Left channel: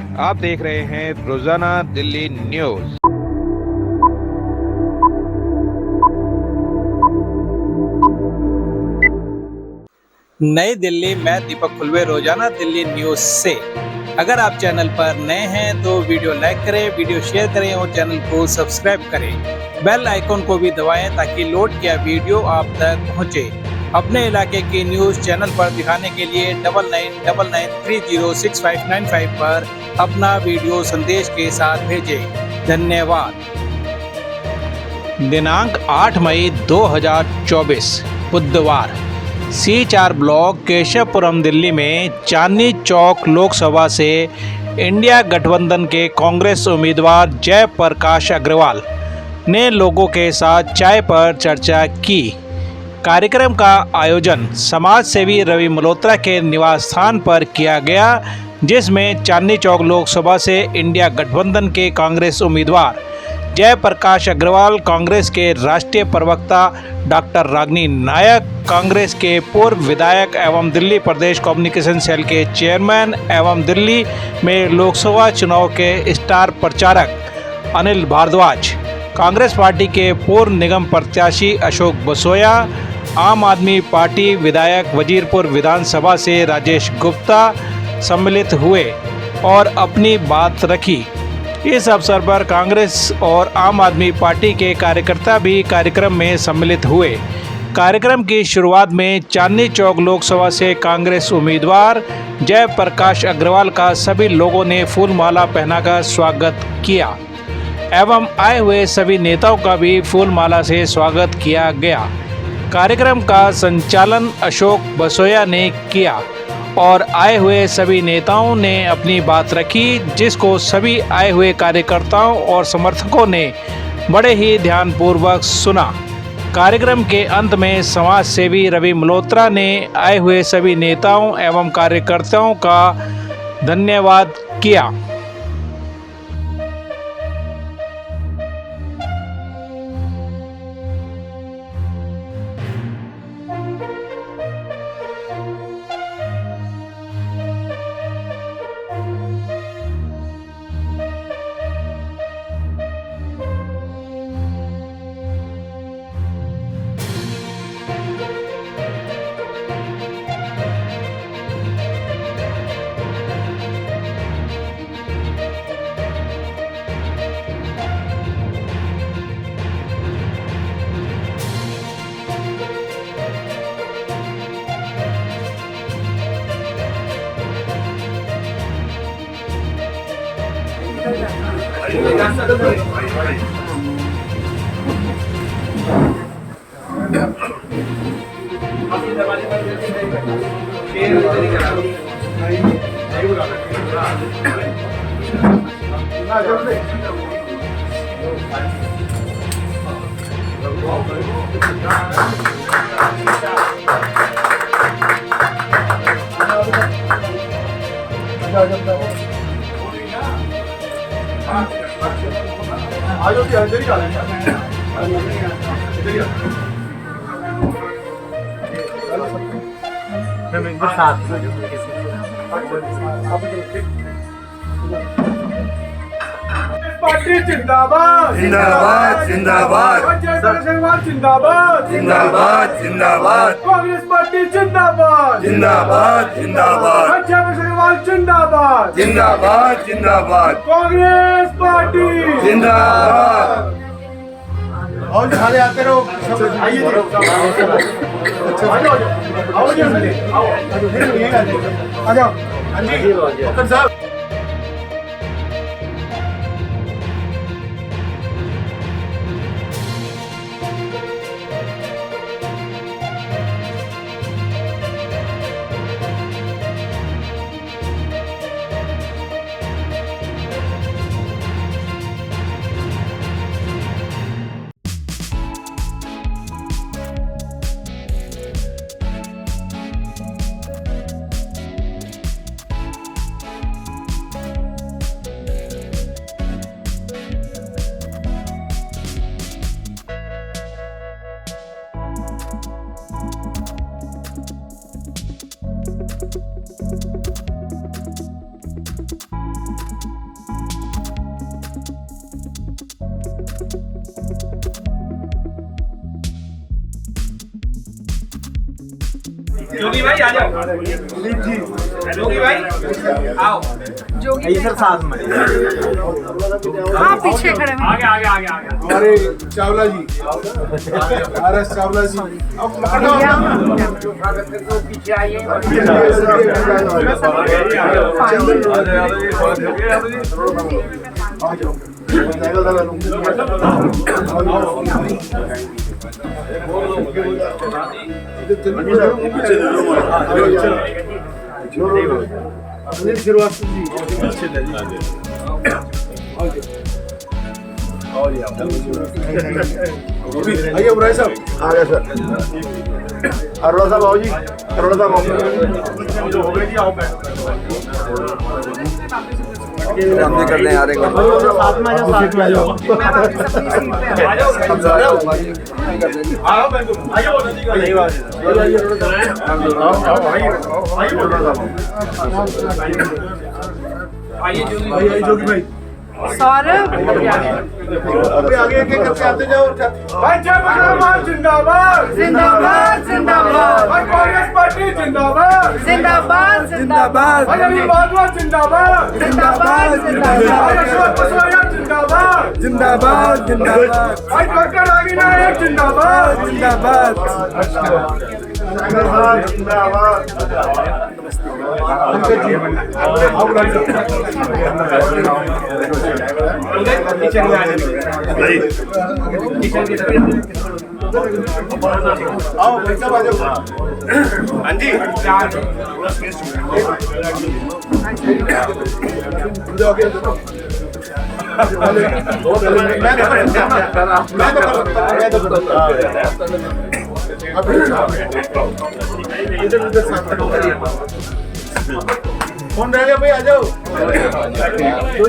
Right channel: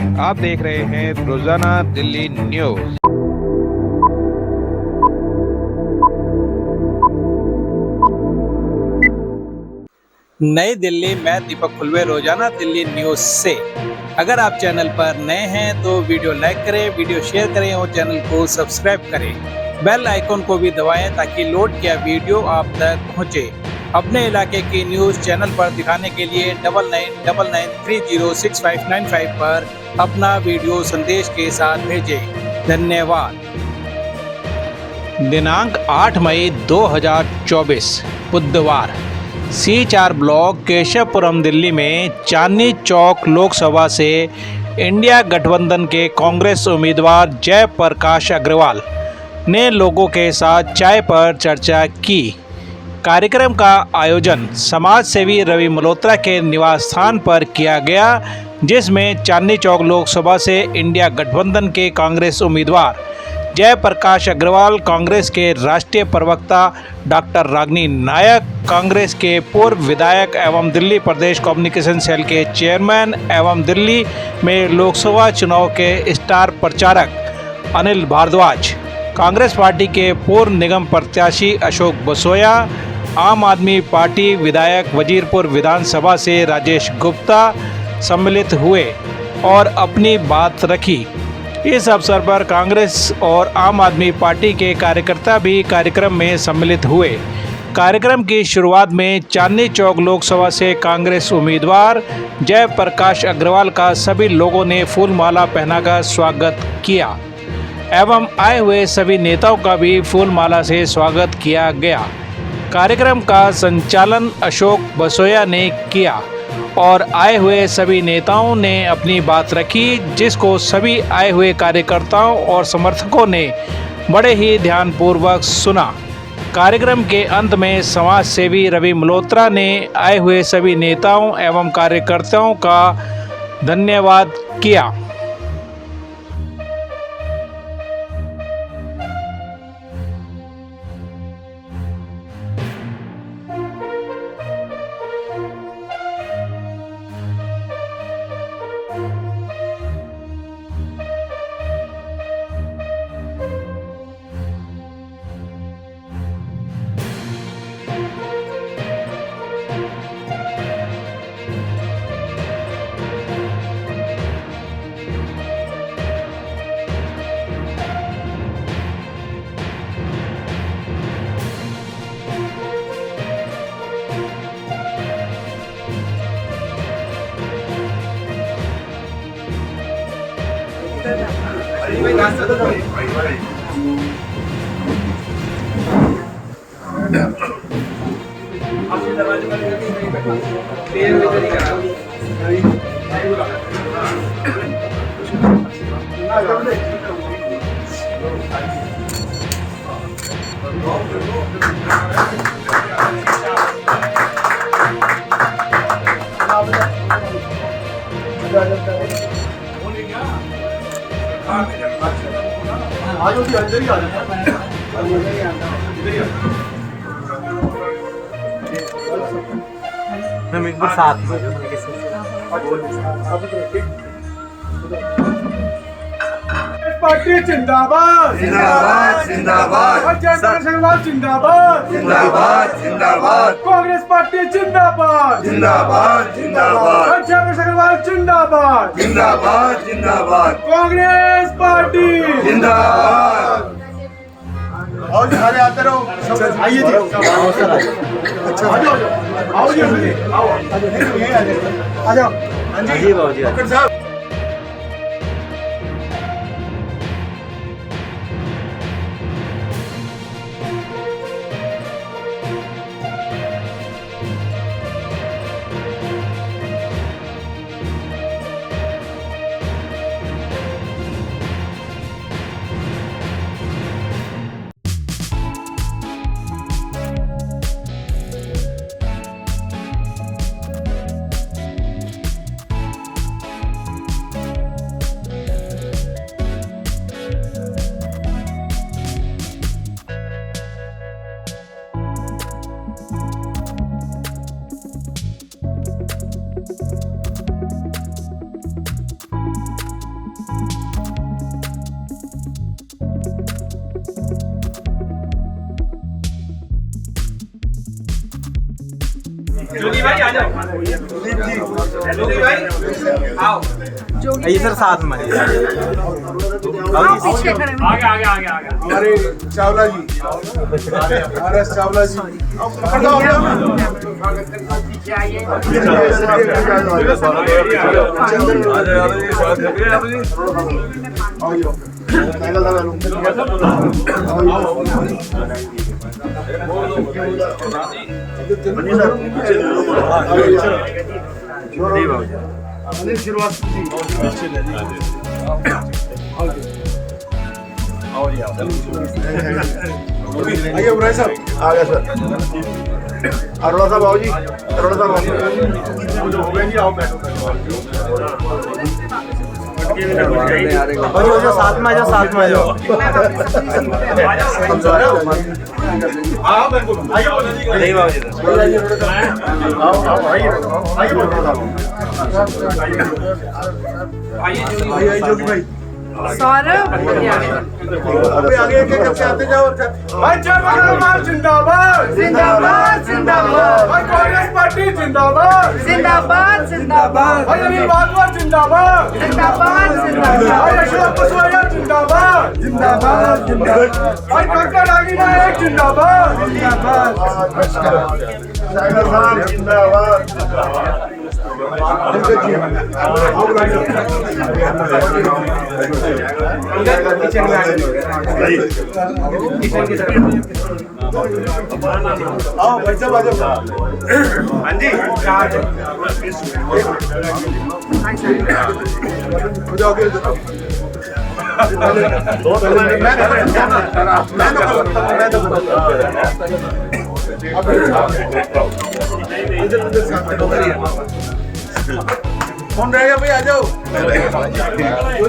आप देख रहे हैं रोजाना दिल्ली न्यूज। नई दिल्ली, मैं दीपक खुलवे, रोजाना दिल्ली न्यूज से। अगर आप चैनल पर नए हैं तो वीडियो लाइक करें, वीडियो शेयर करें और चैनल को सब्सक्राइब करें। बेल आइकन को भी दबाएं ताकि लोड किया वीडियो आप तक पहुंचे। अपने इलाके की न्यूज चैनल पर दिखाने के लिए 9999306595 पर अपना वीडियो संदेश के साथ भेजें। धन्यवाद। दिनांक 8 मई 2024 बुधवार C4 ब्लॉक केशवपुरम दिल्ली में चांदनी चौक लोकसभा से इंडिया गठबंधन के कांग्रेस उम्मीदवार जयप्रकाश अग्रवाल ने लोगों के साथ चाय पर चर्चा की। कार्यक्रम का आयोजन समाज सेवी रवि मल्होत्रा के निवास स्थान पर किया गया, जिसमें चांदनी चौक लोकसभा से इंडिया गठबंधन के कांग्रेस उम्मीदवार जयप्रकाश अग्रवाल, कांग्रेस के राष्ट्रीय प्रवक्ता डॉक्टर रागिनी नायक, कांग्रेस के पूर्व विधायक एवं दिल्ली प्रदेश कम्युनिकेशन सेल के चेयरमैन एवं दिल्ली में लोकसभा चुनाव के स्टार प्रचारक अनिल भारद्वाज, कांग्रेस पार्टी के पूर्व निगम प्रत्याशी अशोक बसोया, आम आदमी पार्टी विधायक वजीरपुर विधानसभा से राजेश गुप्ता सम्मिलित हुए और अपनी बात रखी। इस अवसर पर कांग्रेस और आम आदमी पार्टी के कार्यकर्ता भी कार्यक्रम में सम्मिलित हुए। कार्यक्रम की शुरुआत में चांदनी चौक लोकसभा से कांग्रेस उम्मीदवार जयप्रकाश अग्रवाल का सभी लोगों ने फूलमाला पहनाकर स्वागत किया एवं आए हुए सभी नेताओं का भी फूलमाला से स्वागत किया गया। कार्यक्रम का संचालन अशोक बसोया ने किया और आए हुए सभी नेताओं ने अपनी बात रखी, जिसको सभी आए हुए कार्यकर्ताओं और समर्थकों ने बड़े ही ध्यानपूर्वक सुना। कार्यक्रम के अंत में समाज सेवी रवि मल्होत्रा ने आए हुए सभी नेताओं एवं कार्यकर्ताओं का धन्यवाद किया। पार्टी जिंदाबाद जिंदाबाद जिंदाबाद जिंदाबाद जिंदाबाद जिंदाबाद जिंदाबाद कांग्रेस पार्टी जिंदाबाद जिंदाबाद जिंदाबाद जयप्रकाश जिंदाबाद जिंदाबाद जिंदाबाद कांग्रेस पार्टी जिंदाबाद। और दिखा दे आते रहो सब आइए जी आ जाओ आओ जी आ जाओ हाँ जी डॉक्टर साहब। जोगी भाई आ जाओ, जोगी भाई आओ, जोगी सर साथ में पीछे खड़े हैं। आगे आगे आगे आगे हमारे चावला जी, RS चावला जी, अनिल श्रीवास्तव जी, आइए भाई साहब, आ गए सर, अरोड़ा साहब आओ जी, अरोड़ा साहब आओ। साथ में आ जाओ, साथ में आ जाओ। मैं वापस अपनी सीट पे आ आइए अरोड़ा साहब, आओ भाई, आइए अरोड़ा साहब, आइए जोगी भाई, सौरभ अभी आगे एक एक करके आते जाओ और भाई जय मंगलवार जिंदाबाद, जिंदाबाद जिंदाबाद भाई कांग्रेस पार्टी जिंदाबाद, जिंदाबाद जिंदाबाद भाई अभी बादल जिंदाबाद, जिंदाबाद भाई जिंदाबाद अशोक कसोरिया जिंदाबाद, जिंदाबाद जिंदाबाद भाई डॉक्टर नागी नायक जिंदाबाद, जिंदाबाद जिंदाबाद। अंकल जी आओ किचन में आ जाओ, किचन की तरफ आओ भाई साहब आ जाओ। हाँ जी मैं तो कर सकता हूँ, इधर उधर साथ कौन रह गया भाई, आ जाओ जो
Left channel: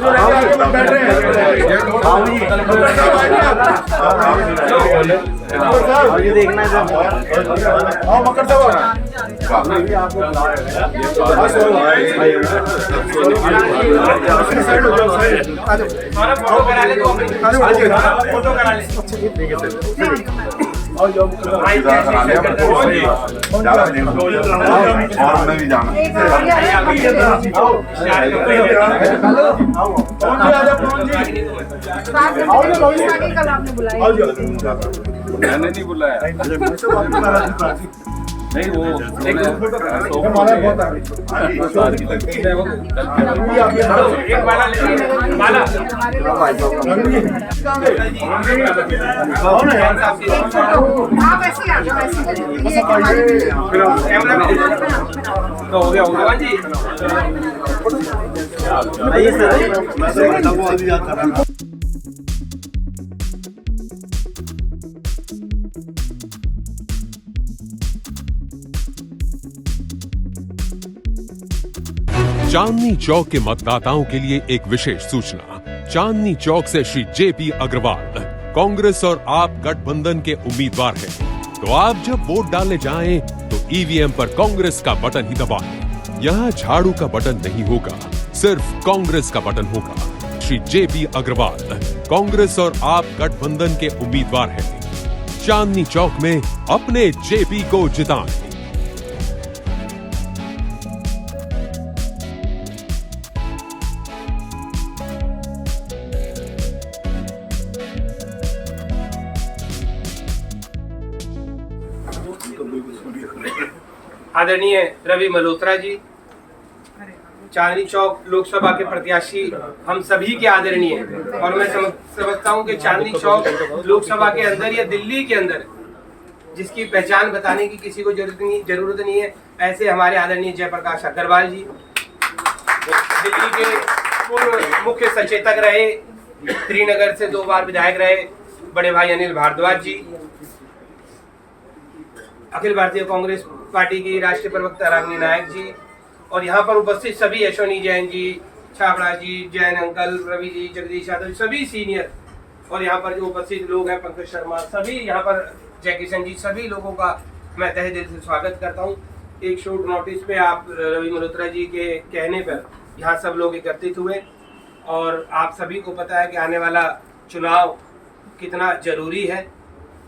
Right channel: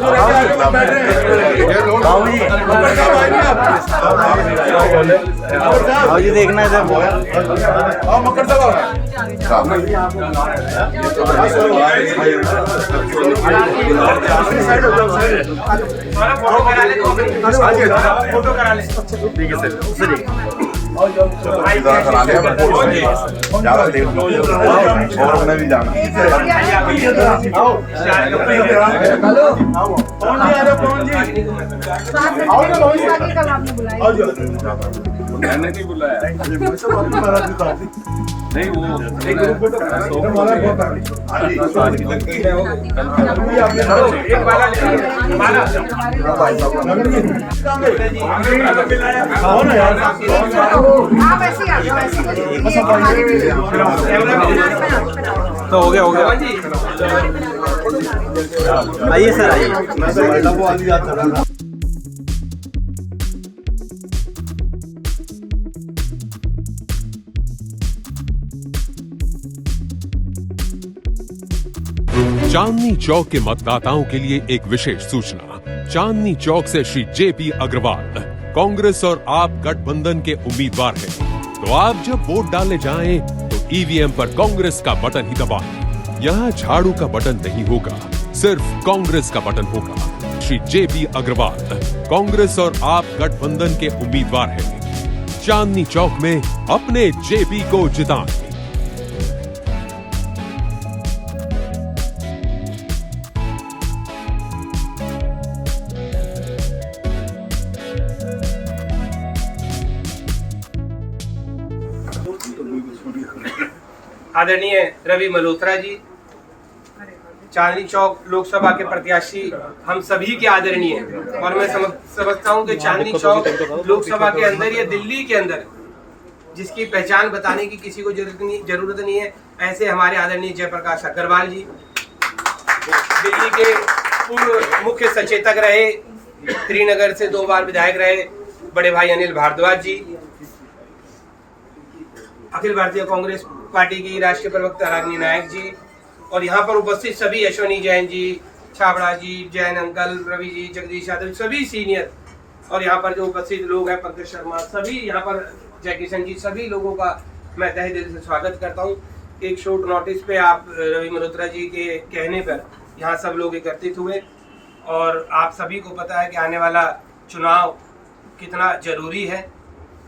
रह गया आगे में बैठ रहे हैं। ये देखना है आओ मक्कर साहब, साइड हो जाओ, साइड फोटो करा ले, फोटो करा ले, ठीक है सर। मैं भी जाना एक आगे पवन जी आ जाओ, पवन जी आगे कल आपने बुलाया आओ जी। मैंने नहीं बुलाया नहीं वो एक फोटो हमारा बहुत एक माला ले, माला आप ऐसे ही आ जाओ, ऐसे ही कैमरा में तो हो गया जी, आइए सर, आइए मैं वो आदमी जाता रहा। चांदनी चौक के मतदाताओं के लिए एक विशेष सूचना। चांदनी चौक से श्री जेपी अग्रवाल कांग्रेस और आप गठबंधन के उम्मीदवार हैं। तो आप जब वोट डालने जाएं तो ईवीएम पर कांग्रेस का बटन ही दबाएं। यहाँ झाड़ू का बटन नहीं होगा, सिर्फ कांग्रेस का बटन होगा। श्री जेपी अग्रवाल कांग्रेस और आप गठबंधन के उम्मीदवार हैं। चांदनी चौक में अपने जेपी को जिताएं। आदरणीय रवि मल्होत्रा जी, चांदनी चौक लोकसभा के प्रत्याशी हम सभी के आदरणीय हैं और मैं समझता हूं कि चांदनी चौक लोकसभा के अंदर या दिल्ली के अंदर जिसकी पहचान बताने की किसी को जरूरत नहीं है, ऐसे हमारे आदरणीय जयप्रकाश अग्रवाल जी, दिल्ली के पूर्व मुख्य सचेतक रहे, श्रीनगर से 2 बार विधायक रहे बड़े भाई अनिल भारद्वाज जी, अखिल भारतीय कांग्रेस पार्टी की राष्ट्रीय प्रवक्ता रागिनी नायक जी, और यहाँ पर उपस्थित सभी अश्वनी जैन जी, छाबड़ा जी, जैन अंकल, रवि जी, जगदीश यादव, सभी सीनियर, और यहाँ पर जो उपस्थित लोग हैं, पंकज शर्मा, सभी यहाँ पर जय किशन जी, सभी लोगों का मैं तहे दिल से स्वागत करता हूँ। एक शॉर्ट नोटिस पे आप रवि मल्होत्रा जी के कहने पर यहाँ सब लोग एकत्रित हुए और आप सभी को पता है कि आने वाला चुनाव कितना जरूरी है,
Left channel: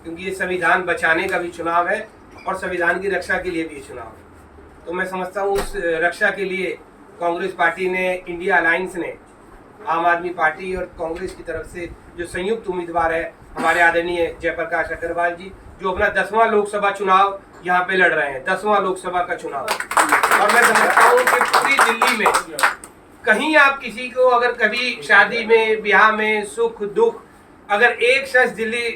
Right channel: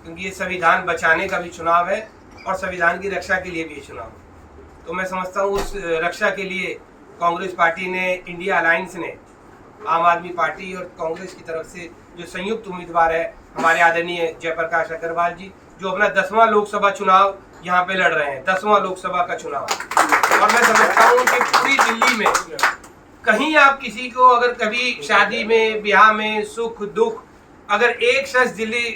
क्योंकि ये संविधान बचाने का भी चुनाव है और संविधान की रक्षा के लिए भी चुनाव है। तो मैं समझता हूँ उस रक्षा के लिए कांग्रेस पार्टी ने, इंडिया अलायंस ने, आम आदमी पार्टी और कांग्रेस की तरफ से जो संयुक्त उम्मीदवार है हमारे आदरणीय जयप्रकाश अग्रवाल जी, जो अपना 10वां लोकसभा चुनाव यहाँ पे लड़ रहे हैं, 10वां लोकसभा का चुनाव। और मैं समझता हूँ कि पूरी दिल्ली में कहीं आप किसी को अगर कभी शादी में, ब्याह में, सुख दुख, अगर एक शख्स दिल्ली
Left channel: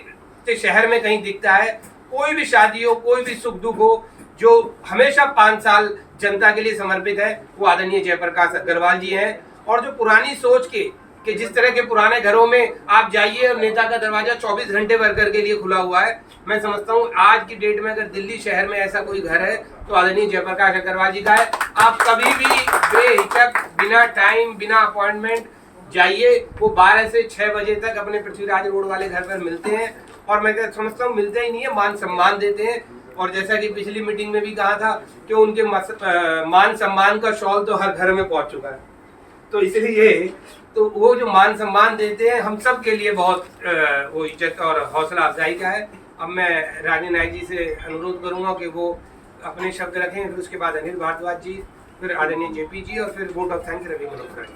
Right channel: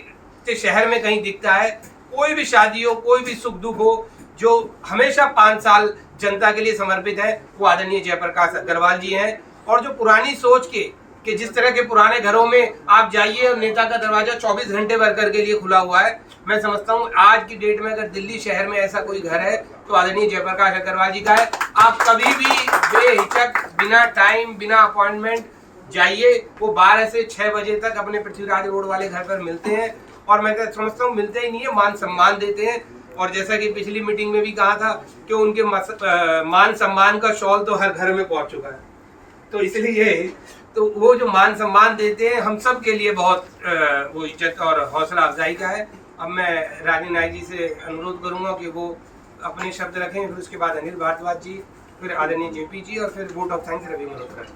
के शहर में कहीं दिखता है, कोई भी शादी हो, कोई भी सुख दुख हो, जो हमेशा 5 साल जनता के लिए समर्पित है, वो आदरणीय जयप्रकाश अग्रवाल जी हैं। और जो पुरानी सोच के कि जिस तरह के पुराने घरों में आप जाइए और नेता का दरवाजा 24 घंटे वर्कर के लिए खुला हुआ है, मैं समझता हूँ आज की डेट में अगर दिल्ली शहर में ऐसा कोई घर है तो आदरणीय जयप्रकाश अग्रवाल जी का है। आप कभी भी बेहिचक, बिना टाइम, बिना अपॉइंटमेंट जाइए, वो 12 से 6 बजे तक अपने पृथ्वीराज रोड वाले घर पर मिलते हैं। और मैं समझता हूँ मिलते ही नहीं है, मान सम्मान देते हैं। और जैसा कि पिछली मीटिंग में भी कहा था कि उनके मान सम्मान का शॉल तो हर घर में पहुंच चुका है, तो इसलिए तो वो जो मान सम्मान देते हैं हम सब के लिए बहुत वो इज्जत और हौसला अफजाई का है। अब मैं रानी नायक जी से अनुरोध करूंगा कि वो अपने शब्द रखें, फिर उसके बाद अनिल भारद्वाज जी, फिर आदरणीय जेपी जी और फिर vote of thanks Ravi Malhotra ji.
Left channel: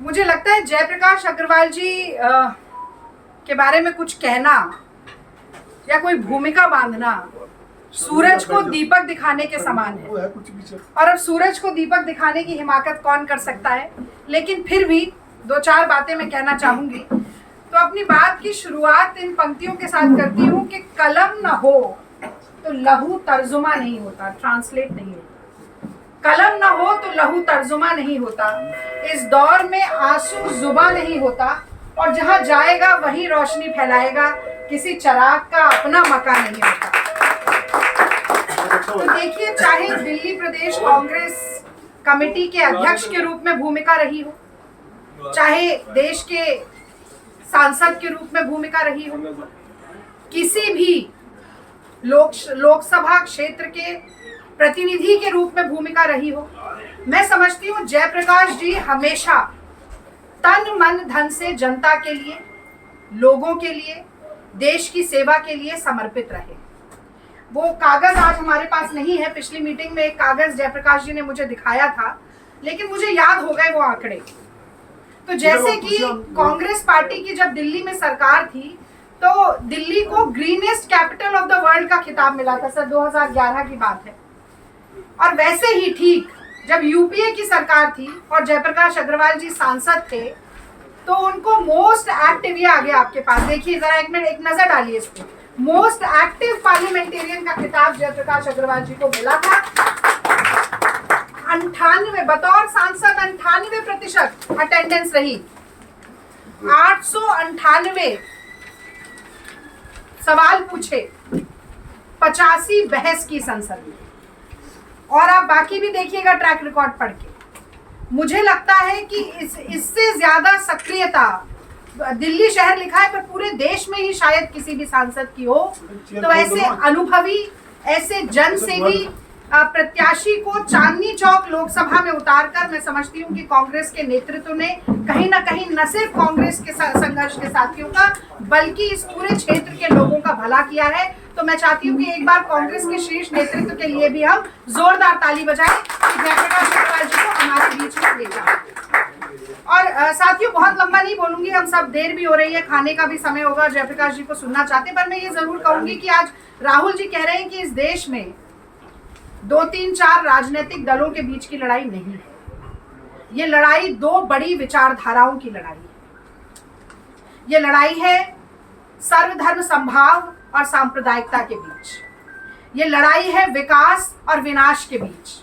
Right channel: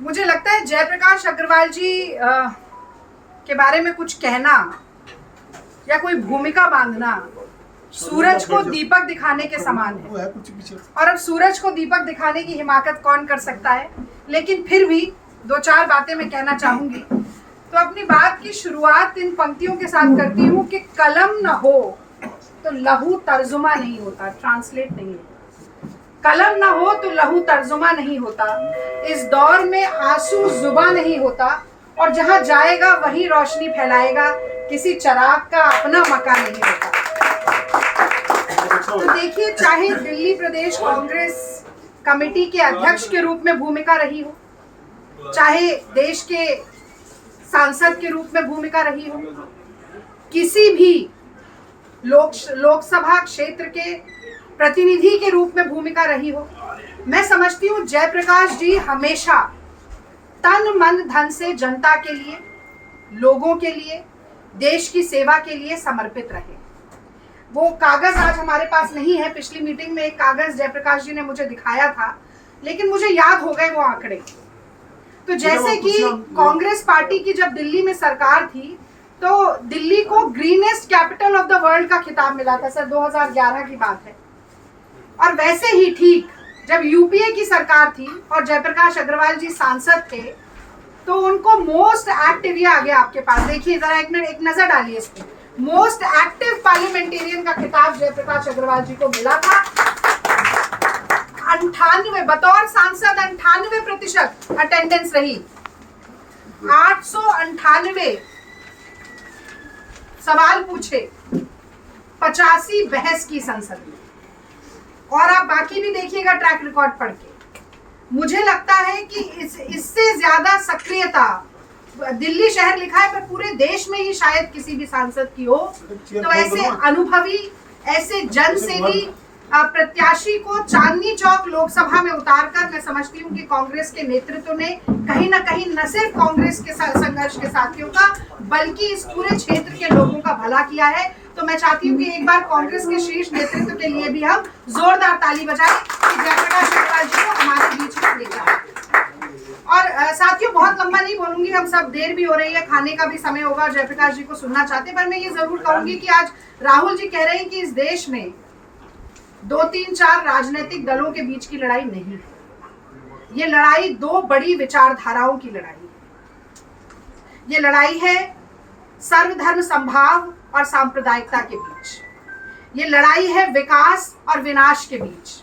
मुझे लगता है जयप्रकाश अग्रवाल जी के बारे में कुछ कहना या कोई भूमिका बांधना सूरज को दीपक दिखाने के समान है। और अब सूरज को दीपक दिखाने की हिमाकत कौन कर सकता है, लेकिन फिर भी 2-4 बातें मैं कहना चाहूंगी। तो अपनी बात की शुरुआत इन पंक्तियों के साथ करती हूँ कि कलम न हो तो लहू तर्जुमा नहीं होता, ट्रांसलेट नहीं होता। कलम न हो तो लहू तर्जुमा नहीं होता, इस दौर में आंसू जुबा नहीं होता, और जहां जाएगा वहीं रोशनी फैलाएगा, किसी चिराग का अपना मकान नहीं होता। तो देखिए, चाहे दिल्ली प्रदेश कांग्रेस कमेटी के अध्यक्ष के रूप में भूमिका रही हो, चाहे देश के सांसद के रूप में भूमिका रही हो, किसी भी लोकसभा क्षेत्र के प्रतिनिधि के रूप में भूमिका रही हो, मैं समझती हूँ जयप्रकाश जी हमेशा तन मन धन से जनता के लिए, लोगों के लिए, देश की सेवा के लिए समर्पित रहे। वो कागज आज हमारे पास नहीं है, पिछली मीटिंग में एक कागज जयप्रकाश जी ने मुझे दिखाया था, लेकिन मुझे याद हो गए वो आंकड़े। तो जैसे कि कांग्रेस पार्टी की जब दिल्ली में सरकार थी तो दिल्ली को greenest capital of the world का खिताब मिला था सर, 2011 की बात है। और वैसे ही ठीक जब यूपीए की सरकार थी और जयप्रकाश अग्रवाल जी सांसद थे तो उनको मोस्ट एक्टिव, ये आ गया आपके पास, देखिए जरा एक मिनट, एक नजर डालिए इस पे, मोस्ट एक्टिव पार्लियामेंटेरियन का खिताब जयप्रकाश अग्रवाल जी को मिला था। 98 बतौर सांसद 98% अटेंडेंस रही, 898 सवाल पूछे, 85 बहस की संसद में। और आप बाकी भी देखिएगा ट्रैक रिकॉर्ड पढ़ के, मुझे लगता है कि इससे ज्यादा सक्रियता दिल्ली शहर लिखा है पर पूरे देश में ही शायद किसी भी सांसद की हो। तो ऐसे अनुभवी, ऐसे जनसेवी प्रत्याशी को चांदनी चौक लोकसभा में उतारकर मैं समझती हूँ कि कांग्रेस के नेतृत्व ने कहीं ना कहीं न सिर्फ कांग्रेस के संघर्ष के साथियों का बल्कि इस पूरे क्षेत्र के लोगों का भला किया है। तो मैं चाहती हूँ कि एक बार कांग्रेस के शीर्ष नेतृत्व के लिए भी हम जोरदार ताली बजाएं कि जयप्रकाश अग्रवाल जी को हमारे बीच में ले जाए। और साथियों, बहुत लंबा नहीं बोलूंगी, हम सब देर भी हो रही है, खाने का भी समय होगा, जयप्रकाश जी को सुनना चाहते हैं। पर मैं ये जरूर कहूंगी कि आज राहुल जी कह रहे हैं कि इस देश में 2-3-4 राजनीतिक दलों के बीच की लड़ाई नहीं है, ये लड़ाई 2 बड़ी विचारधाराओं की लड़ाई है। ये लड़ाई है सर्वधर्म समभाव और सांप्रदायिकता के बीच, ये लड़ाई है विकास और विनाश के बीच,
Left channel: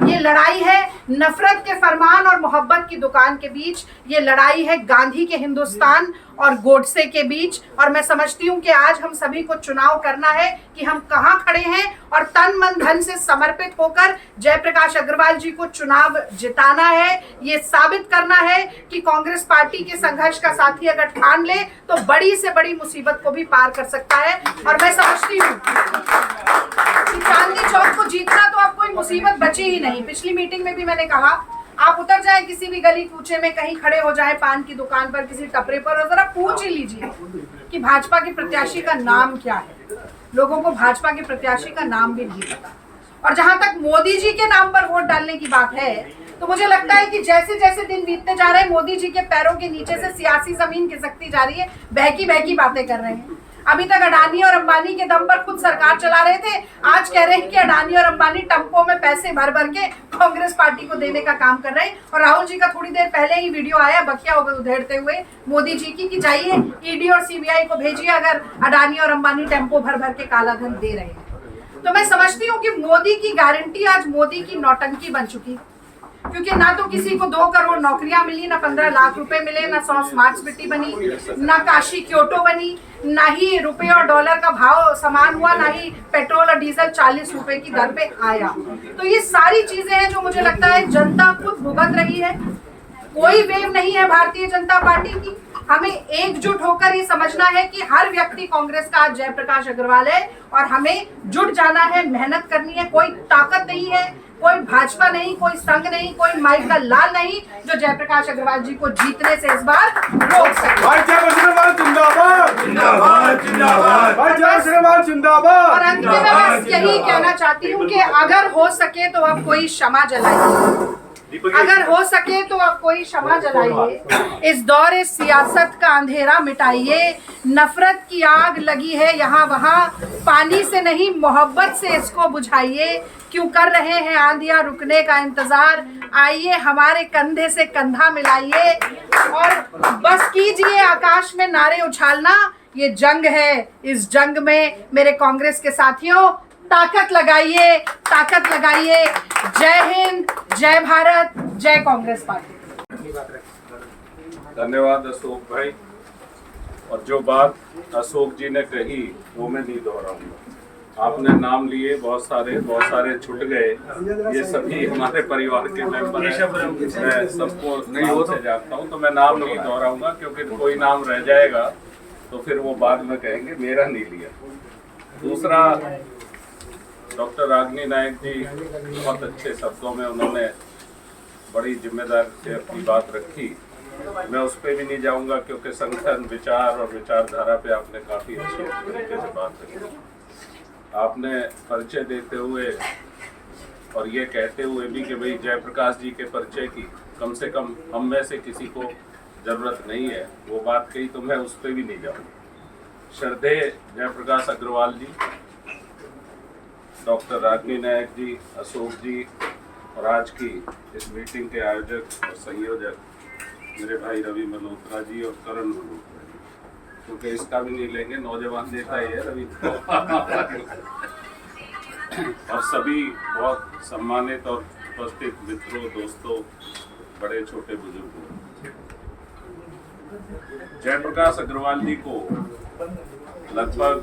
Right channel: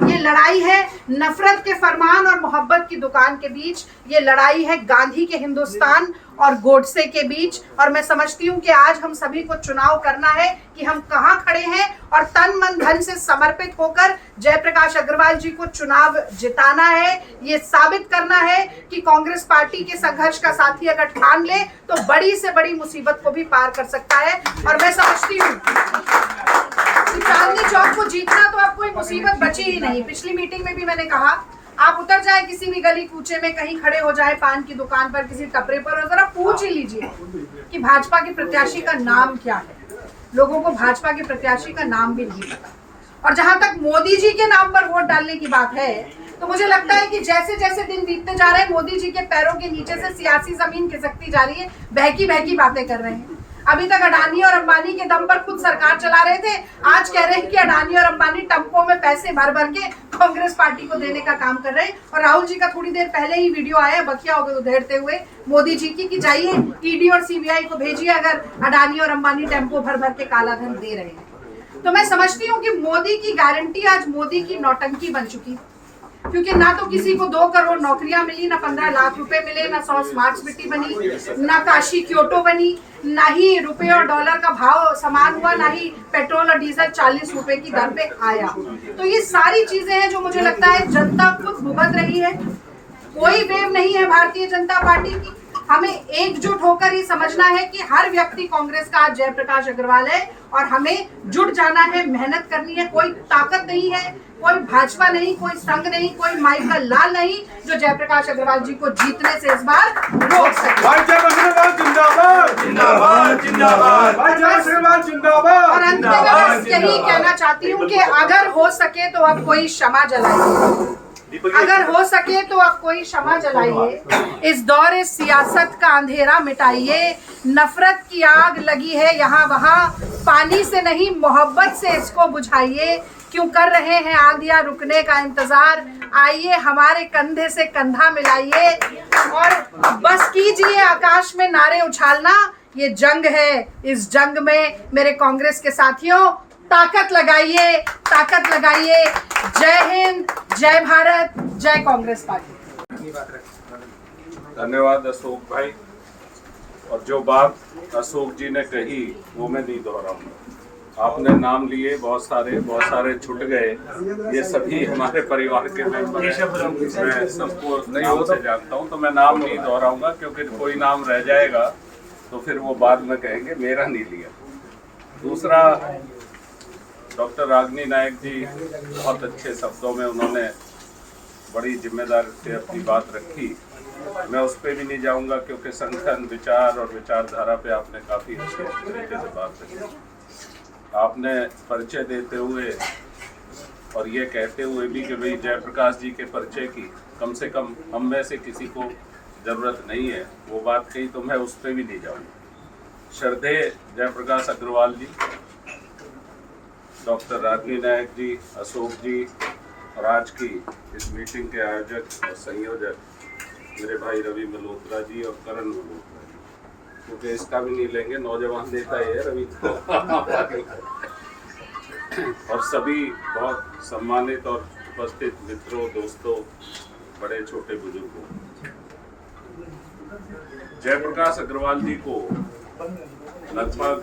ये लड़ाई है नफरत के फरमान और मोहब्बत की दुकान के बीच, ये लड़ाई है गांधी के हिंदुस्तान और गोडसे के बीच। और मैं समझती हूँ कि आज हम सभी को चुनाव करना है कि हम कहाँ खड़े हैं और तन मन धन से समर्पित होकर जयप्रकाश अग्रवाल जी को चुनाव जिताना है। ये साबित करना है कि कांग्रेस पार्टी के संघर्ष का साथी अगर ठान ले तो बड़ी से बड़ी मुसीबत को भी पार कर सकता है। और मैं समझती हूँ चांदनी चौक को जीतना तो अब कोई मुसीबत बची ही नहीं। पिछली मीटिंग में भी मैंने कहा, आप उतर जाए किसी भी गली कूचे में, कहीं खड़े हो जाए पान की दुकान पर, किसी टपरे पर, और जरा पूछ ही लीजिए कि भाजपा के प्रत्याशी का नाम क्या है। लोगों को भाजपा के प्रत्याशी का नाम भी नहीं पता। और जहां तक मोदी जी के नाम पर वोट डालने की बात है, तो मुझे लगता है कि जैसे जैसे दिन बीतते जा रहे हैं, मोदी जी के पैरों के नीचे से सियासी जमीन खिसकती जा रही है। बहकी बहकी बातें कर रहे हैं। अभी तक अडानी और अंबानी के दम पर खुद सरकार चला रहे थे, आज कह रहे हैं कि अडानी और अंबानी टम्पों में पैसे भर भर के कांग्रेस पार्टी को देने का काम कर रहे हैं। और राहुल जी का थोड़ी देर पहले ही वीडियो आया बखिया उधेड़ते हुए मोदी जी की कि जाइए ईडी और सीबीआई को भेजिए अगर अडानी और अंबानी टेम्पो भर भर के काला धन दे रहे हैं। तो मैं समझती हूँ कि मोदी की गारंटी आज मोदी की नौटंकी बन चुकी, क्योंकि ना तो किसी को 2 करोड़ नौकरियां मिली, ना 15 लाख रुपए मिले, ना 100 स्मार्ट सिटी बनी, ना काशी क्योटो बनी, ना ही रुपये और डॉलर का भाव समान हुआ, ना ही पेट्रोल और डीजल 40 रुपए की दर पे आया। तो ये सारी चीजें हैं जो मुझे लगता है जनता खुद भुगत रही है। कोई वेव नहीं है भारतीय जनता पार्टी की। हमें एकजुट होकर ये समझना है कि हर व्यक्ति कांग्रेस का आज जयप्रकाश अग्रवाल है और हमें जुट जाना है, मेहनत करनी है। कोई ताकत नहीं है, कोई भाजपा नहीं, कोई संघ नहीं, कोई माइक का लाल नहीं जो जयप्रकाश अग्रवाल जी को जीतने से इस बार रोक सके। और अंत में मैं बस यही कहना चाहती हूँ कि अगर हो सके तो अब कोई क्षमा जलाइए, अगर हो सके तो आप कोई क्षमा जलाइए। इस दौरे सियासत का अंधेरा मिटाइए। नफरत की आग लगी है यहाँ वहाँ, पानी से नहीं मोहब्बत से इसको बुझाइए। क्यों कर रहे हैं आंधियाँ रुकने का इंतजार, आइए हमारे कंधे से कंधा मिलाइए और बस कीजिए आकाश में नारे उछालना। ये जंग है, इस जंग में मेरे कांग्रेस के साथियों ताकत लगाइए, ताकत लगाइए। जय हिंद, जय भारत, जय कांग्रेस पार्टी। धन्यवाद अशोक भाई। और जो बात अशोक जी ने कही वो मैं नहीं दोहराऊंगा। आपने नाम लिए बहुत सारे छूट गए, ये सभी हमारे परिवार के मेंबर हैं। मैं सबको नाम से जानता हूँ, तो मैं नाम नहीं दोहराऊंगा क्योंकि कोई नाम रह जाएगा तो फिर वो बाद में कहेंगे मेरा नहीं लिया। दूसरा, डॉक्टर रागिनी नायक जी बहुत अच्छे शब्दों में उन्होंने बड़ी जिम्मेदारी से अपनी बात रखी। मैं उस पर भी नहीं जाऊंगा क्योंकि संगठन, विचार और विचारधारा पे आपने काफ़ी अच्छे तरीके से बात रखी। आपने परिचय देते हुए और ये कहते हुए भी कि भाई जयप्रकाश जी के परिचय की कम से कम हम में से किसी को ज़रूरत नहीं है, वो बात कही, तो मैं उस पर भी नहीं जाऊंगा। श्रद्धेय जयप्रकाश अग्रवाल जी, डॉक्टर रागिनी नायक जी, अशोक जी और आज की इस मीटिंग के आयोजक और संयोजक मेरे भाई रवि मल्होत्रा जी और करण मल्होत्रा जी, क्योंकि इसका भी नहीं लेंगे, नौजवान नेता ही है रवि और सभी बहुत सम्मानित और उपस्थित मित्रों, दोस्तों, बड़े छोटे बुजुर्गों। जयप्रकाश अग्रवाल जी को लगभग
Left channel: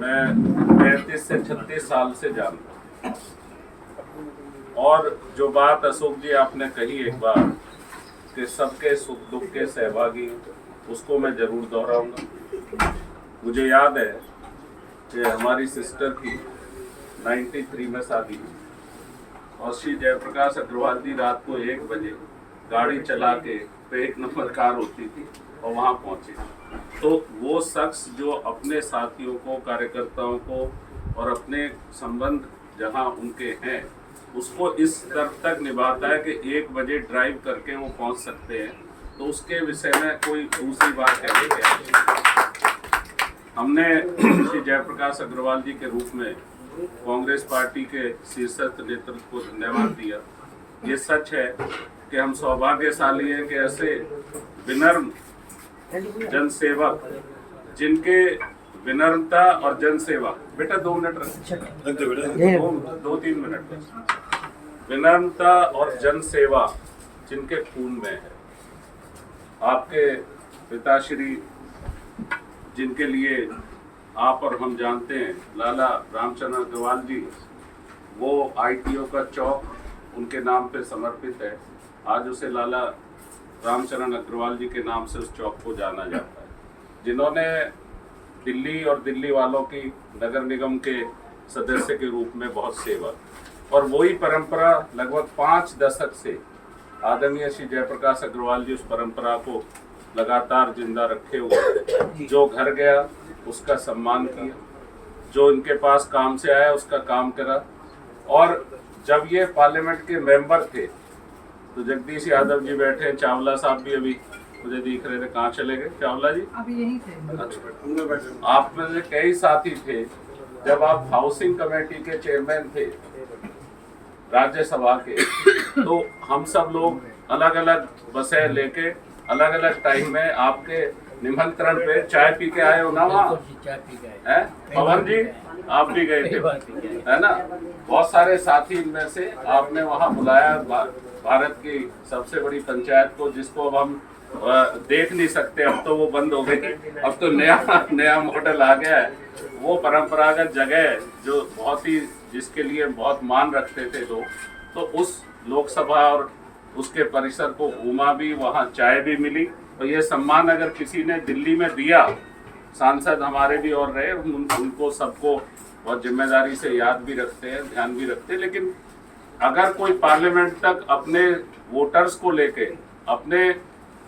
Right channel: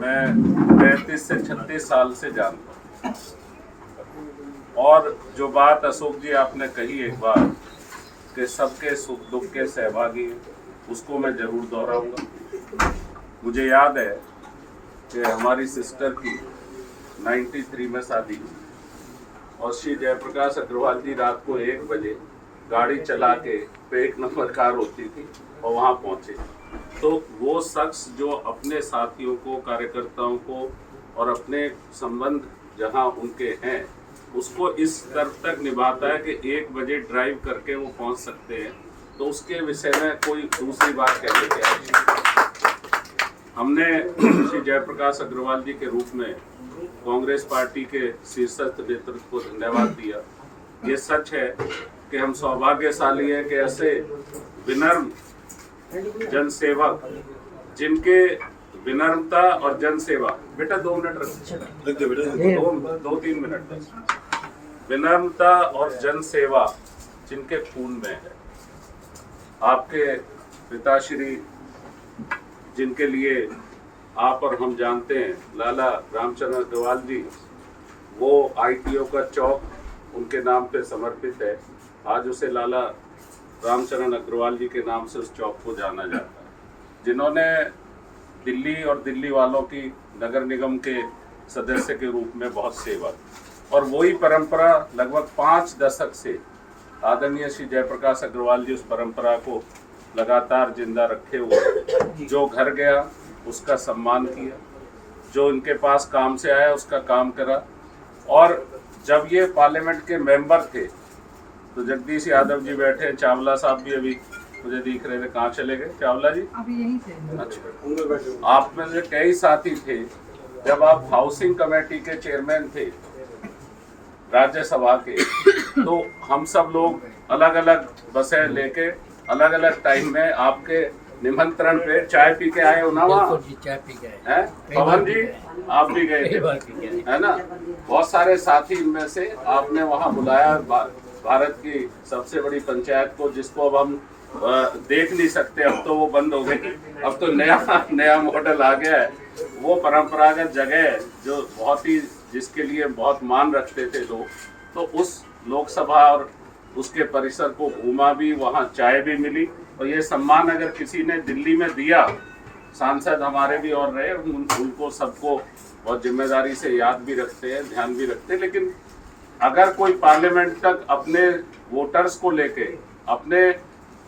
मैं 35 से 36 साल से जानता हूँ। और जो बात अशोक जी आपने कही एक बार कि सबके सुख दुख के सहभागी हैं, उसको मैं जरूर दोहराऊंगा। मुझे याद है कि हमारी सिस्टर की 93 में शादी हुई और श्री जयप्रकाश अग्रवाल जी रात को 1 बजे गाड़ी चला के 1 नंबर कार होती थी और वहाँ पहुँचे। तो वो शख्स जो अपने साथियों को, कार्यकर्ताओं को और अपने संबंध जहाँ उनके हैं उसको इस स्तर तक निभाता है कि 1 बजे ड्राइव करके वो पहुँच सकते हैं, तो उसके विषय में कोई दूसरी बात कहने की आवश्यकता। हमने श्री जयप्रकाश अग्रवाल जी के रूप में कांग्रेस पार्टी के शीर्षस्थ नेतृत्व को धन्यवाद दिया। ये सच है कि हम सौभाग्यशाली हैं कि ऐसे विनम्र जनसेवक, जिनके विनम्रता और जनसेवा, बेटा 2 मिनट रख, 2-3 मिनट बस, विनम्रता और जनसेवा जिनके खून में है। आपके पिताश्री, जिनके लिए आप और हम जानते हैं, लाला रामचंद्र अग्रवाल जी, वो ITO का चौक उनके नाम पे समर्पित है। आज उसे लाला रामचरण अग्रवाल जी के नाम से उस चौक को जाना जाता है, जिन्होंने दिल्ली और दिल्ली वालों की नगर निगम के सदस्य के रूप में बहुत सेवा, और वही परंपरा लगभग 5 दशक से आदरणीय श्री जयप्रकाश अग्रवाल जी उस परंपरा को लगातार जिंदा रखे हुए, जो घर गया उसका सम्मान किया, जो इनके पास काम से आया उसका काम करा। और जब ये पार्लियामेंट के मेंबर थे तो जगदीश यादव जी बैठे हैं, चावला साहब भी अभी मुझे दिख रहे थे, कहाँ चले गए चावला जी? अभी यहीं थे। अच्छा, आप में से कई साथी थे जब आप हाउसिंग कमेटी के चेयरमैन थे राज्यसभा के, तो हम सब लोग अलग अलग बसें लेके अलग अलग टाइम में आपके निमंत्रण पे चाय पी के आए हो ना वहाँ? चाय पी गए हैं पवन जी, आप भी गए थे है ना? बहुत सारे साथी इनमें से आपने वहाँ बुलाया भारत की सबसे बड़ी पंचायत को, जिसको अब हम देख नहीं सकते, अब तो वो बंद हो गई, अब तो नया मॉडल आ गया है। वो परंपरागत जगह जो बहुत ही, जिसके लिए बहुत मान रखते थे लोग, तो उस लोकसभा और उसके परिसर को घूमा भी, वहाँ चाय भी मिली। और ये सम्मान अगर किसी ने दिल्ली में दिया, सांसद हमारे भी और रहे, उनको सबको बहुत जिम्मेदारी से याद भी रखते हैं, ध्यान भी रखते हैं। लेकिन अगर कोई पार्लियामेंट तक अपने वोटर्स को लेके, अपने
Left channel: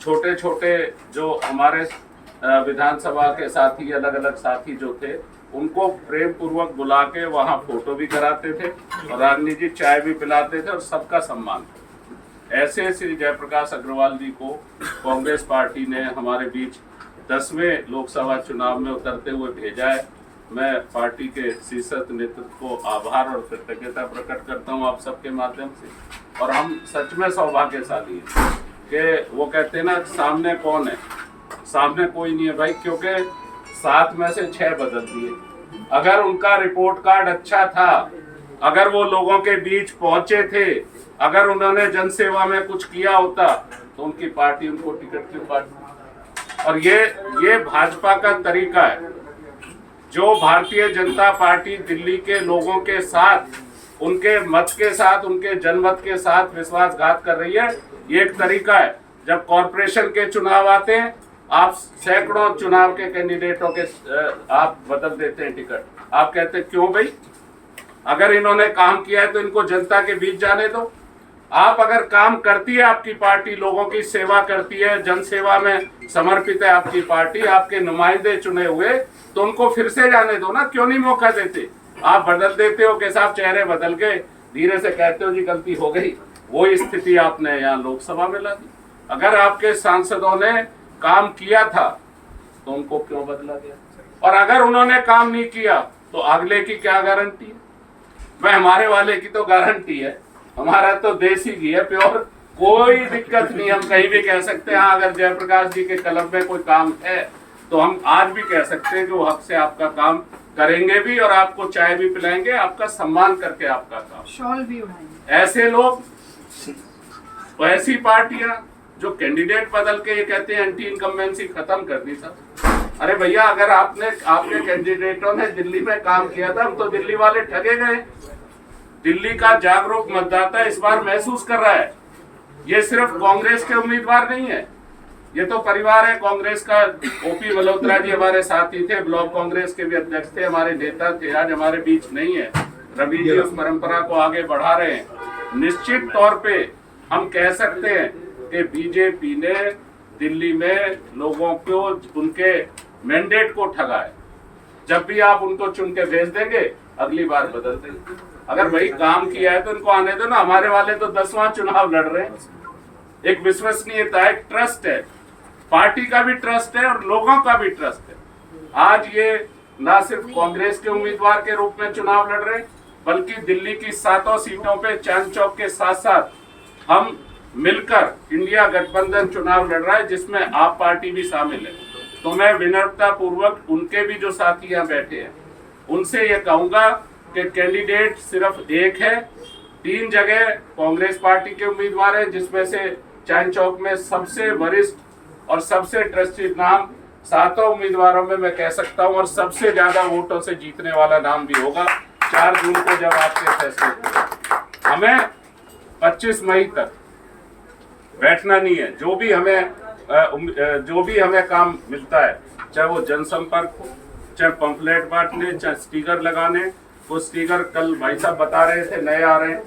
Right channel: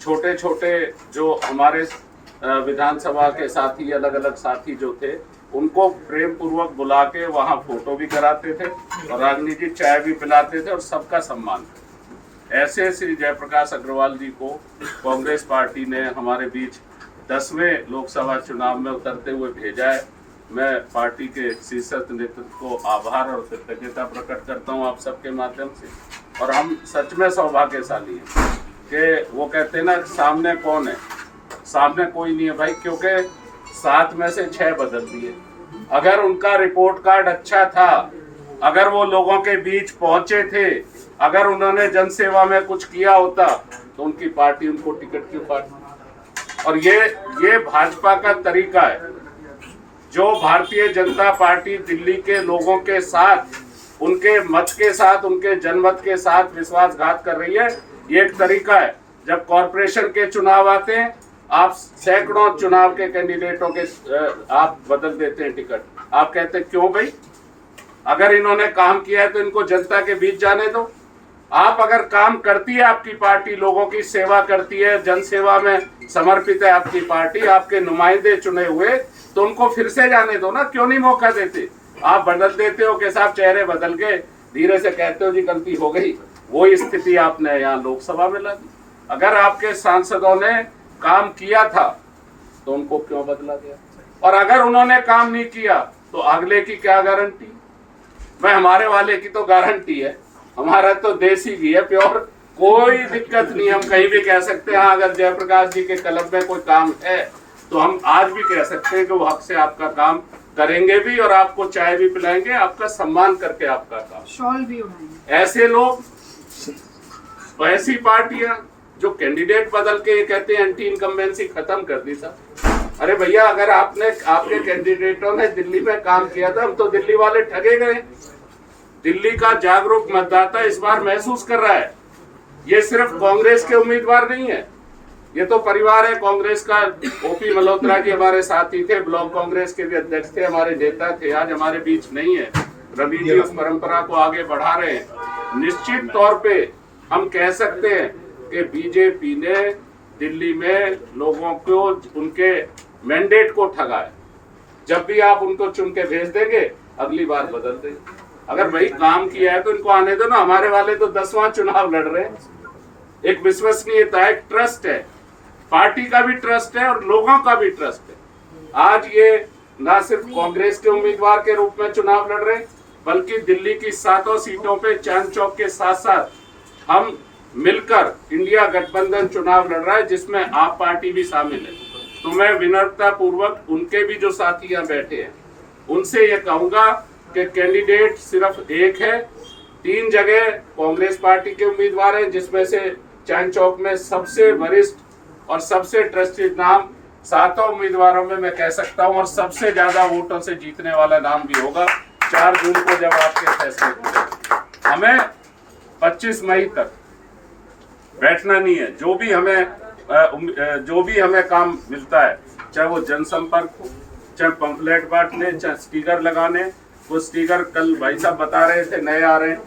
छोटे छोटे जो हमारे विधानसभा के साथी, अलग अलग साथी जो थे, उनको प्रेम पूर्वक बुला के वहाँ फोटो भी कराते थे और राजनीतिक चाय भी पिलाते थे और सबका सम्मान। ऐसे श्री जयप्रकाश अग्रवाल जी को कांग्रेस पार्टी ने हमारे बीच 10वें लोकसभा चुनाव में उतरते हुए भेजा है। मैं पार्टी के शीर्षस्थ नेतृत्व को आभार और कृतज्ञता प्रकट करता हूं आप सबके माध्यम से। और हम सच में सौभाग्यशाली हैं कि वो कहते हैं ना, सामने कौन है? सामने कोई नहीं है भाई, क्योंकि 7 में से 6 बदल दिए। अगर उनका रिपोर्ट कार्ड अच्छा था, अगर वो लोगों के बीच पहुंचे थे, अगर उन्होंने जनसेवा में कुछ किया होता, तो उनकी पार्टी उनको टिकट क्यों काटी? और ये भाजपा का तरीका है। जो भारतीय जनता पार्टी दिल्ली के लोगों के साथ, उनके मत के साथ, उनके जनमत के साथ विश्वासघात कर रही है, ये एक तरीका है। जब कॉरपोरेशन के चुनाव आते हैं, आप सैकड़ों चुनाव के कैंडिडेटों के आप बदल देते हैं टिकट। आप कहते हैं क्यों भाई? अगर इन्होंने काम किया है तो इनको जनता के बीच जाने दो। आप अगर काम करती है आपकी पार्टी, लोगों की सेवा करती है, जन सेवा में समर्पित है आपकी पार्टी, आपके नुमाइंदे चुने हुए, तो उनको फिर से जाने दो ना। क्यों नहीं मौका देते? आप बदल देते हो कि साहब चेहरे बदल गए, धीरे से कहते हो जी गलती हो गई। वही स्थिति आपने यहाँ लोकसभा में ला दी। अगर आपके सांसदों ने काम किया था तो उनको क्यों बदला गया? और अगर उन्होंने काम नहीं किया तो अगले की क्या गारंटी? मैं हमारे वाले की तो गारंटी है, हमारा तो देसी घी है प्योर, कोई दिक्कत नहीं। हम कहीं भी कह सकते हैं अगर जयप्रकाश जी के कलम में कोई काम है तो हम आज भी कह सकते हैं कि वो हक से आपका काम करेंगे भी और आपको चाय भी पिलाएंगे, आपका सम्मान करके आपका काम, शॉल भी उड़ाएंगे। ऐसे लोग, ऐसी पार्टियां जो कैंडिडेट बदल के ये कहते हैं एंटी इनकम्बेंसी खत्म कर दी था। अरे भैया, अगर आपके कैंडिडेटों ने दिल्ली में काम किया था, हम तो दिल्ली वाले ठगे गए। दिल्ली का जागरूक मतदाता इस बार महसूस कर रहा है, ये सिर्फ कांग्रेस के उम्मीदवार नहीं है, ये तो परिवार है कांग्रेस का। ओपी मल्होत्रा जी हमारे साथी थे, ब्लॉक कांग्रेस के भी अध्यक्ष थे, हमारे नेता थे, आज हमारे बीच नहीं है। रवि जी उस परंपरा को आगे बढ़ा रहे हैं। निश्चित तौर पे हम कह सकते हैं कि बीजेपी ने दिल्ली में लोगों को, उनके मैंडेट को ठगा है। जब भी आप उनको चुन के भेज देंगे, अगली बार बदल देंगे। अगर वही काम किया है तो इनको आने दो ना। हमारे वाले तो 10वां चुनाव लड़ रहे हैं। एक विश्वसनीयता है, एक ट्रस्ट है, पार्टी का भी ट्रस्ट है और लोगों का भी ट्रस्ट है। आज ये ना सिर्फ कांग्रेस के उम्मीदवार के रूप में चुनाव लड़ रहे, बल्कि दिल्ली की 7 सीटों पे चांद चौक के साथ साथ हम मिलकर इंडिया गठबंधन चुनाव लड़ रहा है, जिसमें आप पार्टी भी शामिल है। तो मैं विनम्रता पूर्वक उनके भी जो साथी यहाँ बैठे हैं, उनसे ये कहूंगा कि कैंडिडेट सिर्फ एक है। 3 जगह कांग्रेस पार्टी के उम्मीदवार हैं, जिसमें से चांद चौक में सबसे वरिष्ठ और सबसे ट्रस्टेड नाम 7 उम्मीदवारों में मैं कह सकता हूं, और सबसे ज्यादा वोटों से जीतने वाला नाम भी होगा 4 जून को जब आपके फैसले होंगे। हमें 25 मई तक बैठना नहीं है। जो भी हमें काम मिलता है, चाहे वो जनसंपर्क हो, चाहे पंफलेट बांटने, चाहे स्टिकर लगाने। वो स्टिकर कल भाई साहब बता रहे थे नए आ रहे हैं,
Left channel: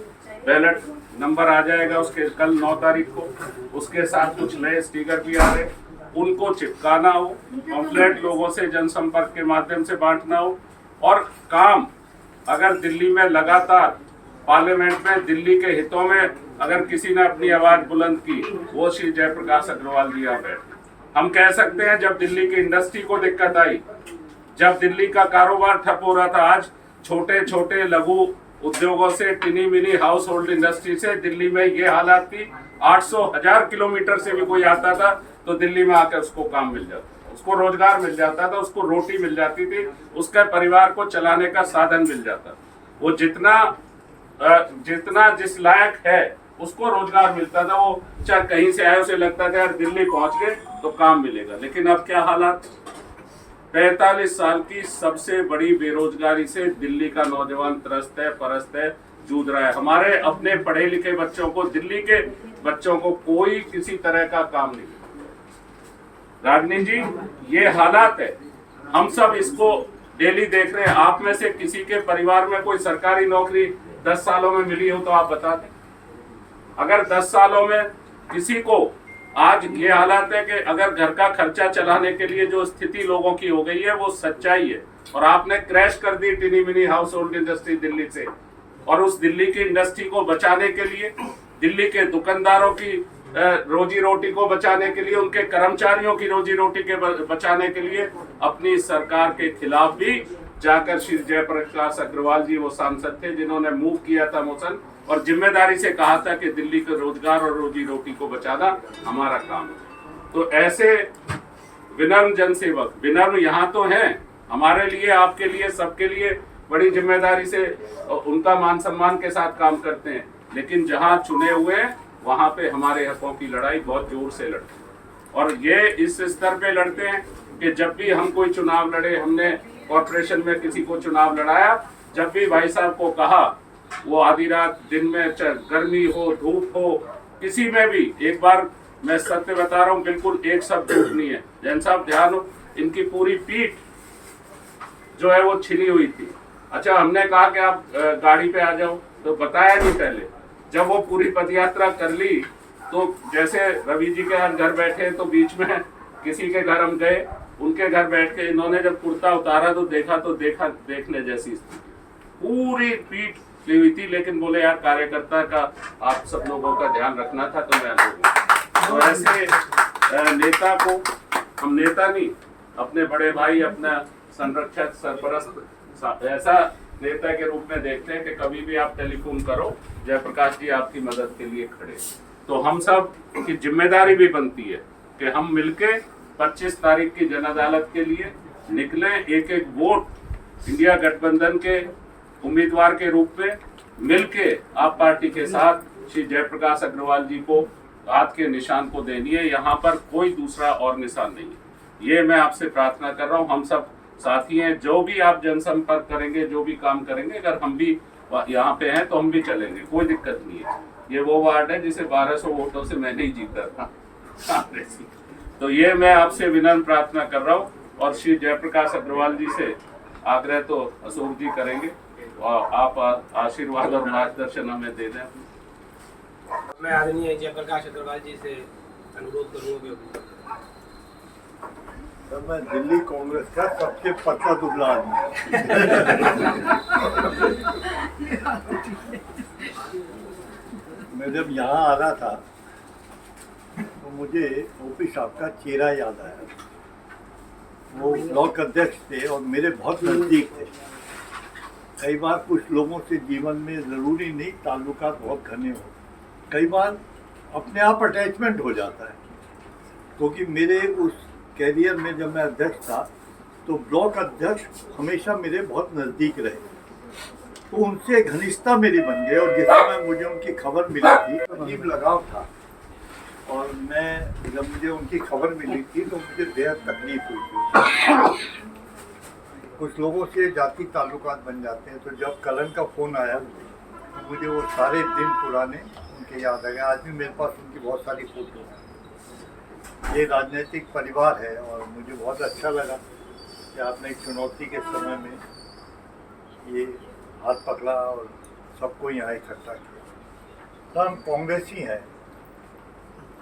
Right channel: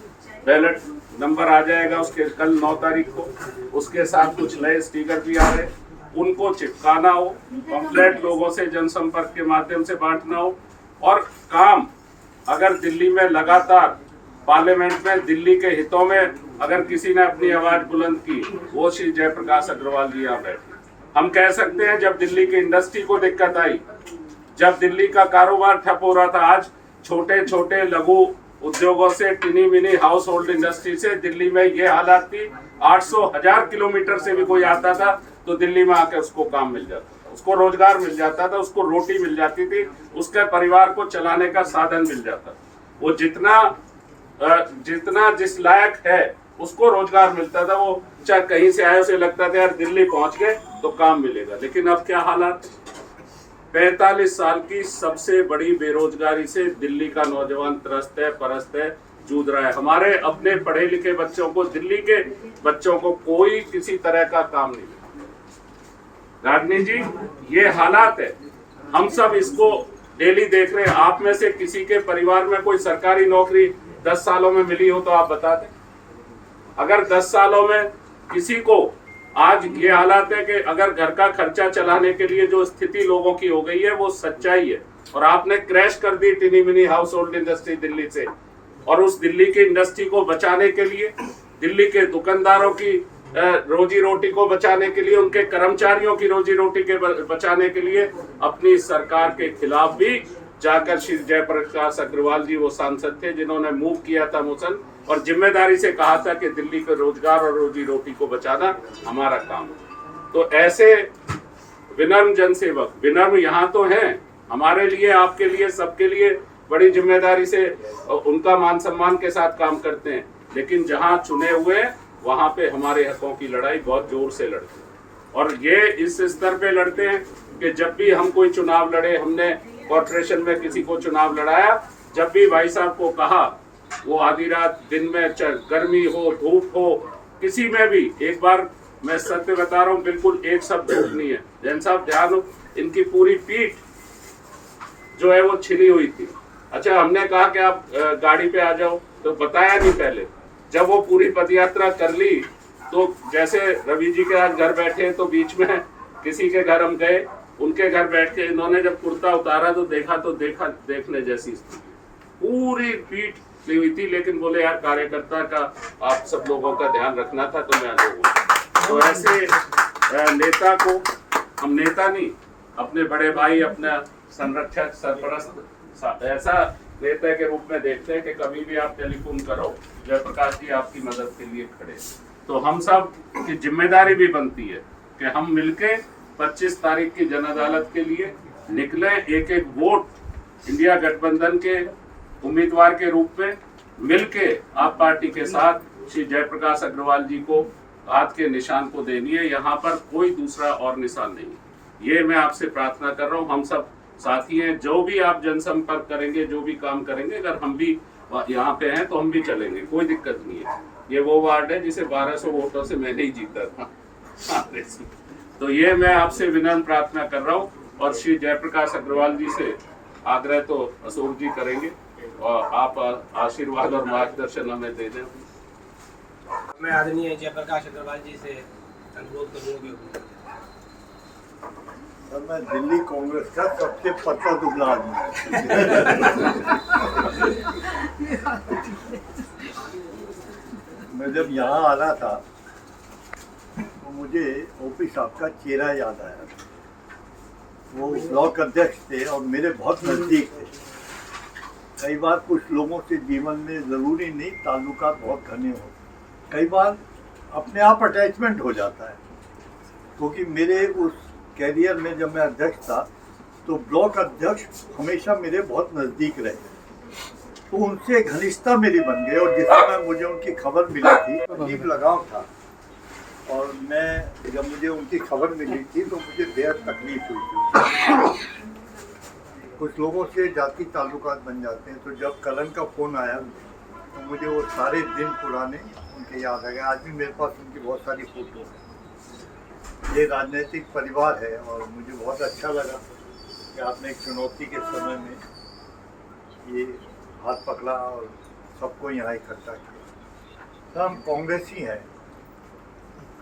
बैलेट नंबर आ जाएगा उसके कल 9 तारीख को, उसके साथ कुछ नए स्टिकर भी आ रहे हैं, उनको चिपकाना हो, पंफलेट लोगों से जनसंपर्क के माध्यम से बांटना हो। और काम अगर दिल्ली में लगातार पार्लियामेंट में दिल्ली के हितों में अगर किसी ने अपनी आवाज बुलंद की, वो श्री जयप्रकाश अग्रवाल जी यहाँ बैठे। हम कह सकते हैं जब दिल्ली की इंडस्ट्री को दिक्कत आई, जब दिल्ली का कारोबार ठप हो रहा था, आज छोटे छोटे लघु उद्योगों से, टिनी मिनी हाउस होल्ड इंडस्ट्री से दिल्ली में ये हालात थी, 800,000 किलोमीटर से भी कोई आता था तो दिल्ली में आकर उसको काम मिल जाता था, उसको रोजगार मिल जाता था, उसको रोटी मिल जाती थी, उसके परिवार को चलाने का साधन मिल जाता। वो जितना जिस लायक है उसको रोजगार मिलता था। वो चाहे कहीं से आए, उसे लगता था यार दिल्ली पहुंच गए तो काम मिलेगा। लेकिन अब क्या हालात, 45 साल की सबसे बड़ी बेरोजगारी से दिल्ली का नौजवान त्रस्त है, परस्त है, जूझ रहा है। हमारे अपने पढ़े लिखे बच्चों को, दिल्ली के बच्चों को कोई किसी तरह का काम नहीं। राजनीति जी, ये हालात है, हम सब इसको डेली देख रहे हैं। आप में से किसी के परिवार में कोई सरकारी नौकरी 10 सालों में मिली हो तो आप बता दें। अगर 10 सालों में किसी को, आज ये हालात है कि अगर घर का खर्चा चलाने के लिए जो स्थिति लोगों की हो गई है वो सच्चाई है। और आपने क्रैश कर दी tiny mini household industry Delhi से, और उस दिल्ली की इंडस्ट्री को बचाने के लिए, दिल्ली के दुकानदारों की रोजी रोटी को बचाने के लिए, उनके कर्मचारियों की रोजी रोटी के बचाने के लिए अपनी सरकार के खिलाफ भी जाकर श्री जयप्रकाश अग्रवाल जी वो सांसद थे जिन्होंने मूव किया था मोशन, और जिम्मेदारी से कहा था कि दिल्ली के रोजगार और रोजी रोटी को बचाना हमारा काम है। तो ऐसे विनम्र जनसेवक, विनम्र यहाँ तो हैं, हमारे लिए, आपके लिए, सबके लिए बड़ी जिम्मेदारी से उनका मान सम्मान के साथ काम करते हैं। लेकिन जहाँ चुने हुए हैं वहाँ पे हमारे हकों की लड़ाई बहुत जोर से लड़ते हैं। और ये इस स्तर पे लड़ते हैं कि जब भी हम कोई चुनाव लड़े, हमने कॉर्पोरेशन में किसी को चुनाव लड़ाया, जब भी भाई साहब को कहा, वो आधी रात, दिन में, गर्मी हो, धूप हो, किसी में भी, एक बार मैं सत्य बता रहा हूँ, बिल्कुल एक शब्द झूठ नहीं है। जैन साहब ध्यान हो, इनकी पूरी पीठ जो है वो छिली हुई थी। अच्छा, हमने कहा कि आप गाड़ी पे आ जाओ, तो बताया नहीं पहले। जब वो पूरी पदयात्रा कर ली तो जैसे रवि जी के आज घर बैठे तो बीच में किसी के घर हम गए, उनके घर बैठ के इन्होंने जब कुर्ता उतारा तो देखने जैसी स्थिति, पूरी पीठ ली हुई थी। लेकिन बोले यार कार्यकर्ता का आप सब लोगों का ध्यान रखना था तो मैं लोगों। तो ऐसे नेता को हम नेता नहीं, अपने बड़े भाई, अपना संरक्षक, सरपरस्त, ऐसा नेता के रूप में देखते हैं कि कभी भी आप टेलीफोन करो, जयप्रकाश जी आपकी मदद के लिए खड़े। तो हम सब की जिम्मेदारी भी बनती है कि हम मिलके 25 तारीख की जन अदालत के लिए निकले, एक एक वोट इंडिया गठबंधन के उम्मीदवार के रूप में मिलके आप पार्टी के साथ श्री जयप्रकाश अग्रवाल जी को हाथ के निशान को देनी है। यहाँ पर कोई दूसरा और निशान नहीं है। ये मैं आपसे प्रार्थना कर रहा हूँ, हम सब साथी हैं। जो भी आप जनसंपर्क करेंगे, जो भी काम करेंगे, अगर हम भी यहाँ पे हैं तो हम भी चलेंगे, कोई दिक्कत नहीं है। ये वो वार्ड है जिसे 1200 वोटों से मैंने ही जीता था। तो ये मैं आपसे विनम्र प्रार्थना कर रहा हूँ, और श्री जयप्रकाश अग्रवाल जी से आग्रह तो अशोक जी करेंगे, और आप आशीर्वाद और मार्गदर्शन हमें दे दें। मैं आदरणीय जयप्रकाश अग्रवाल जी से अनुरोध करूँगा। सर, मैं दिल्ली कांग्रेस का सबसे पतला दुबला आदमी। मैं जब यहाँ आ रहा था तो मुझे ओपी साहब का चेहरा याद आया। वो ब्लॉक अध्यक्ष थे और मेरे बहुत नज़दीक थे। कई बार कुछ लोगों से जीवन में ज़रूरी नहीं ताल्लुकात बहुत घने हो, कई बार अपने आप अटैचमेंट हो जाता है। क्योंकि मेरे उस कैरियर में जब मैं अध्यक्ष था तो ब्लॉक अध्यक्ष हमेशा मेरे बहुत नज़दीक रहे, तो उनसे घनिष्ठता मेरी बन गई। और जिस समय मुझे उनकी खबर मिली थी अजीब लगाव था, और मैं जब मुझे उनकी खबर मिली थी तो मुझे बेहद तकलीफ हुई थी। कुछ लोगों से जाति ताल्लुकात बन जाते हैं, तो जब करण का फ़ोन आया तो मुझे वो सारे दिन पुराने उनके याद आ गए। आज भी मेरे पास उनकी बहुत सारी फ़ोटो हैं। ये राजनीतिक परिवार है और मुझे बहुत अच्छा लगा कि आपने एक चुनौती के समय में ये हाथ पकड़ा और सबको यहाँ इकट्ठा किया। तो हम कांग्रेसी हैं,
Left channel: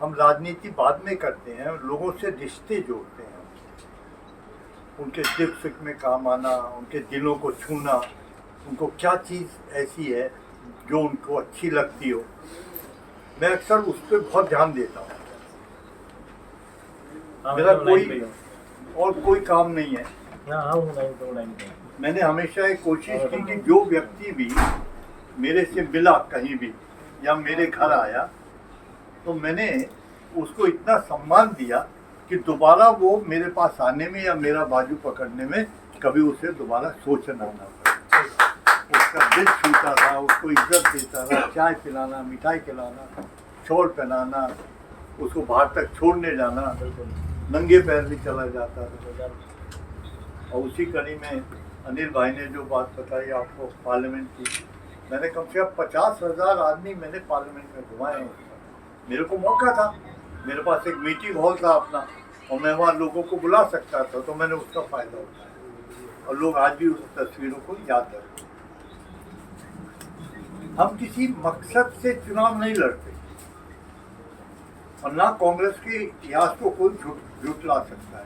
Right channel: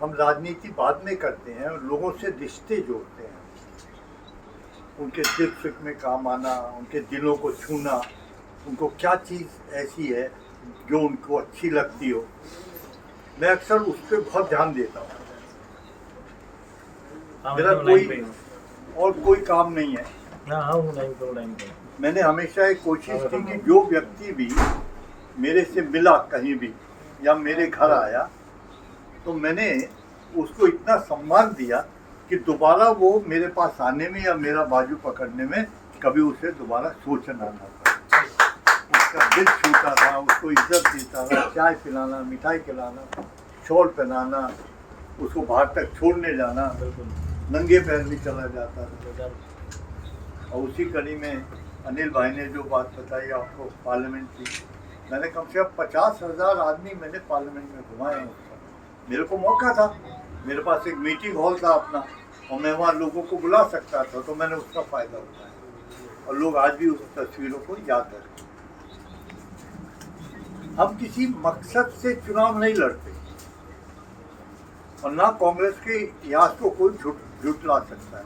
हम राजनीति बाद में करते हैं और लोगों से रिश्ते जोड़ते हैं। उनके दिल फिक्र में काम आना, उनके दिलों को छूना, उनको क्या चीज़ ऐसी है जो उनको अच्छी लगती हो, मैं अक्सर उस पर बहुत ध्यान देता हूँ। मेरा कोई काम नहीं है। मैंने हमेशा एक कोशिश की कि जो व्यक्ति भी मेरे से मिला कहीं भी या मेरे घर आया तो मैंने उसको इतना सम्मान दिया कि दोबारा वो मेरे पास आने में या मेरा बाजू पकड़ने में कभी उसे दोबारा सोचना ना पड़े। उसका दिल छूता था, उसको इज्जत देता था, चाय पिलाना, मिठाई खिलाना, शॉल पहनाना, उसको बाहर तक छोड़ने जाना, नंगे पैर भी चला जाता था। और उसी कड़ी में अनिल भाई ने जो बात बताई आपको पार्लियामेंट की, मैंने कम से कम 50,000 आदमी मैंने पार्लियामेंट में घुमाए हैं। मेरे को मौका था, मेरे पास एक मीटिंग हॉल था अपना और मैं वहाँ लोगों को बुला सकता था, तो मैंने उसका फ़ायदा उठाया और लोग आज भी उस तस्वीरों को याद रखते। हम किसी मकसद से चुनाव नहीं लड़ते और ना कांग्रेस के इतिहास को कोई झुठला सकता है।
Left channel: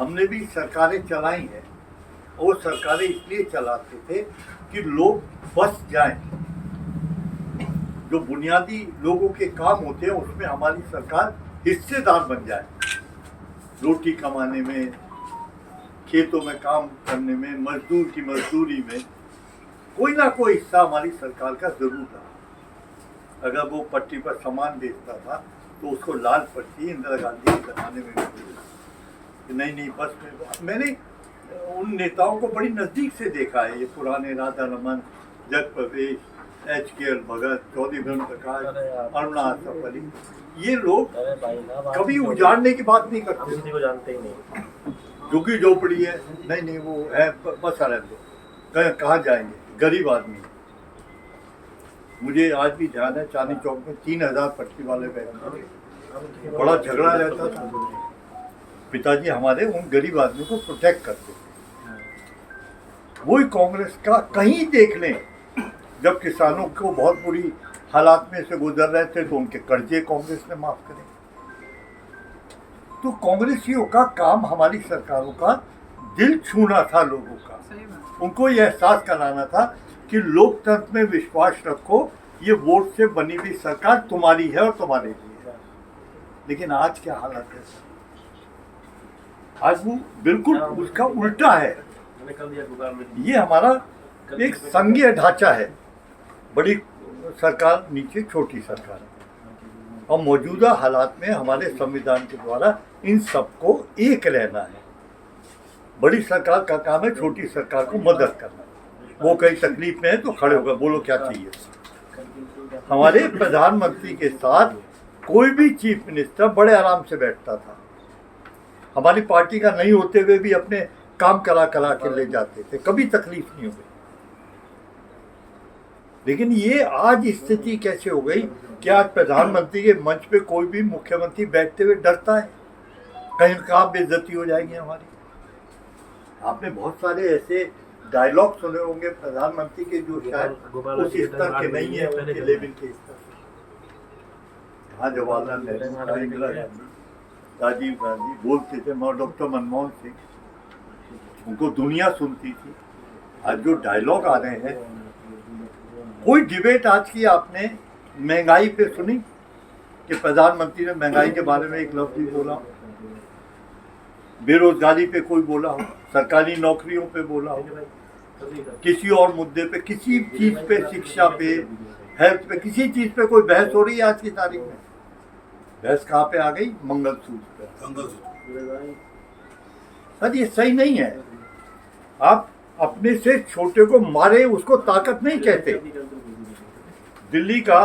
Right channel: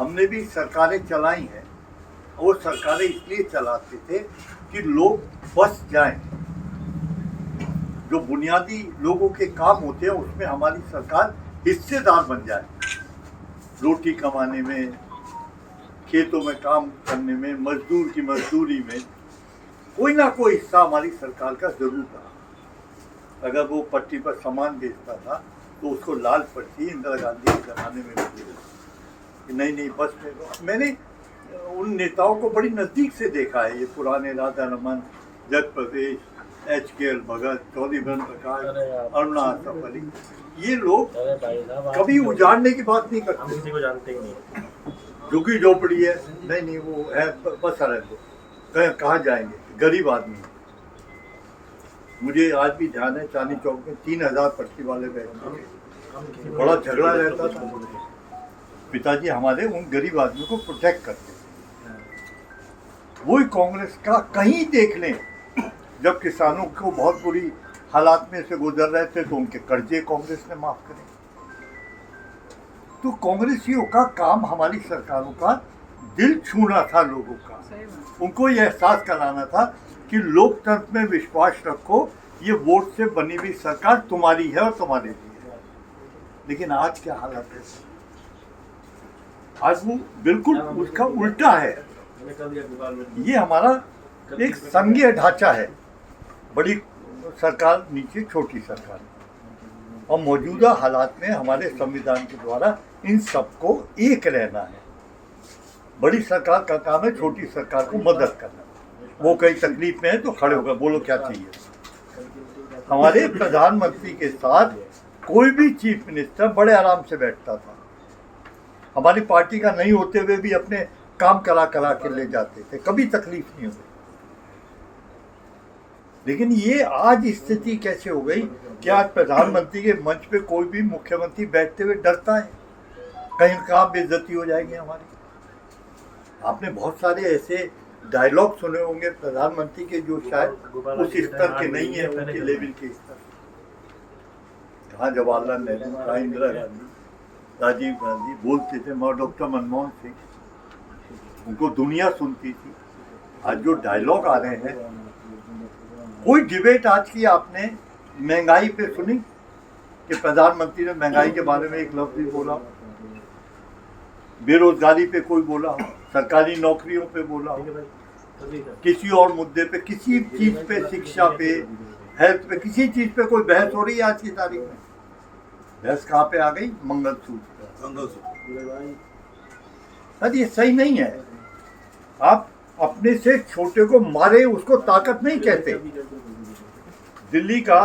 हमने भी सरकारें चलाई हैं और वो सरकारें इसलिए चलाते थे कि लोग बस जाएं। जो बुनियादी लोगों के काम होते हैं उसमें हमारी सरकार हिस्सेदार बन जाए, रोटी कमाने में, खेतों में काम करने में, मजदूर की मजदूरी में कोई ना कोई हिस्सा हमारी सरकार का जरूर रहा। अगर वो पट्टी पर सामान बेचता था तो उसको लाल पट्टी इंदिरा गांधी के ज़माने में कि नहीं बस में। मैंने उन नेताओं को बड़ी नज़दीक से देखा है, ये पुराने राधा रमन, जग प्रवेश, HKL भगत, चौधरी ब्रह्म प्रकाश, अरुणा आसफ अली, ये लोग कभी उजाड़ने की बात नहीं करते। किसी को जानते ही नहीं। झुग्गी झोपड़ी है, नहीं वो है, बस रहने दो, कहाँ जाएंगे, गरीब आदमी। मुझे आज भी ध्यान है, चांदनी चौक में 3,000 पट्टी वाले बैठते थे, बड़ा झगड़ा रहता था। पिताजी हमारे उन गरीब आदमियों को प्रोटेक्ट करते थे। वही कांग्रेस का कहीं देख लें, जब किसानों को बहुत बुरी हालात में से गुजर रहे थे तो उनके कर्जे कांग्रेस ने माफ करे। तो कांग्रेसियों का काम हमारी सरकारों का दिल छूना था, लोगों का, उनको ये एहसास कराना था कि लोकतंत्र में विश्वास रखो, ये वोट से बनी हुई सरकार तुम्हारी है और तुम्हारे लिए है। लेकिन आज क्या हालत है, आज वो बिल्कुल उसका उल्टा है। ये हमारा एक संघीय ढांचा है, बड़ी सरकार नीचे छोटी सरकार, और मौजूदा हालात में हमारे संविधान के द्वारा इन सबको एक रहना है। बड़ी सरकार का काम है छोटी सरकार को मदद करना। वो कहीं तकलीफ में है तो खड़े होकर बोलो क्या चाहिए। हमारे प्रधानमंत्री के साथ कोई भी चीफ मिनिस्टर बड़े आराम से बैठता था, हमारी पार्टी का नहीं होते हुए भी अपने काम करा के ले जाते थे, कभी तकलीफ नहीं हुई। लेकिन ये आज स्थिति कैसे हो गई कि आज प्रधानमंत्री के मंच पे कोई भी मुख्यमंत्री बैठते हुए डरता है, कहीं कहाँ बेइज्जती हो जाएगी हमारी। आपने बहुत सारे ऐसे डायलॉग सुने होंगे प्रधानमंत्री के जो शायद उस स्तर के नहीं है, उनके लेवल के स्तर। कहाँ जवाहरलाल नेहरू, कहाँ इंदिरा गांधी, राजीव गांधी बोलते थे, मगर डॉक्टर मनमोहन सिंह, उनको दुनिया सुनती थी। आज जो डायलॉग आ रहे हैं, कोई डिबेट आज की आपने महंगाई पे सुनी कि प्रधानमंत्री ने महंगाई के बारे में एक लफ्ज भी बोला, बेरोजगारी पे कोई बोला हो, सरकारी नौकरियों पे बोला हो, किसी और मुद्दे पे, किसी चीज पे, शिक्षा पे, हेल्थ पे, किसी चीज पे कोई बहस हो रही है आज की तारीख में? बहस कहाँ पे आ गई? मंगलसूत्र पे। सर ये सही नहीं है। आप अपने से छोटे को मारे उसको ताकत नहीं कहते। दिल्ली का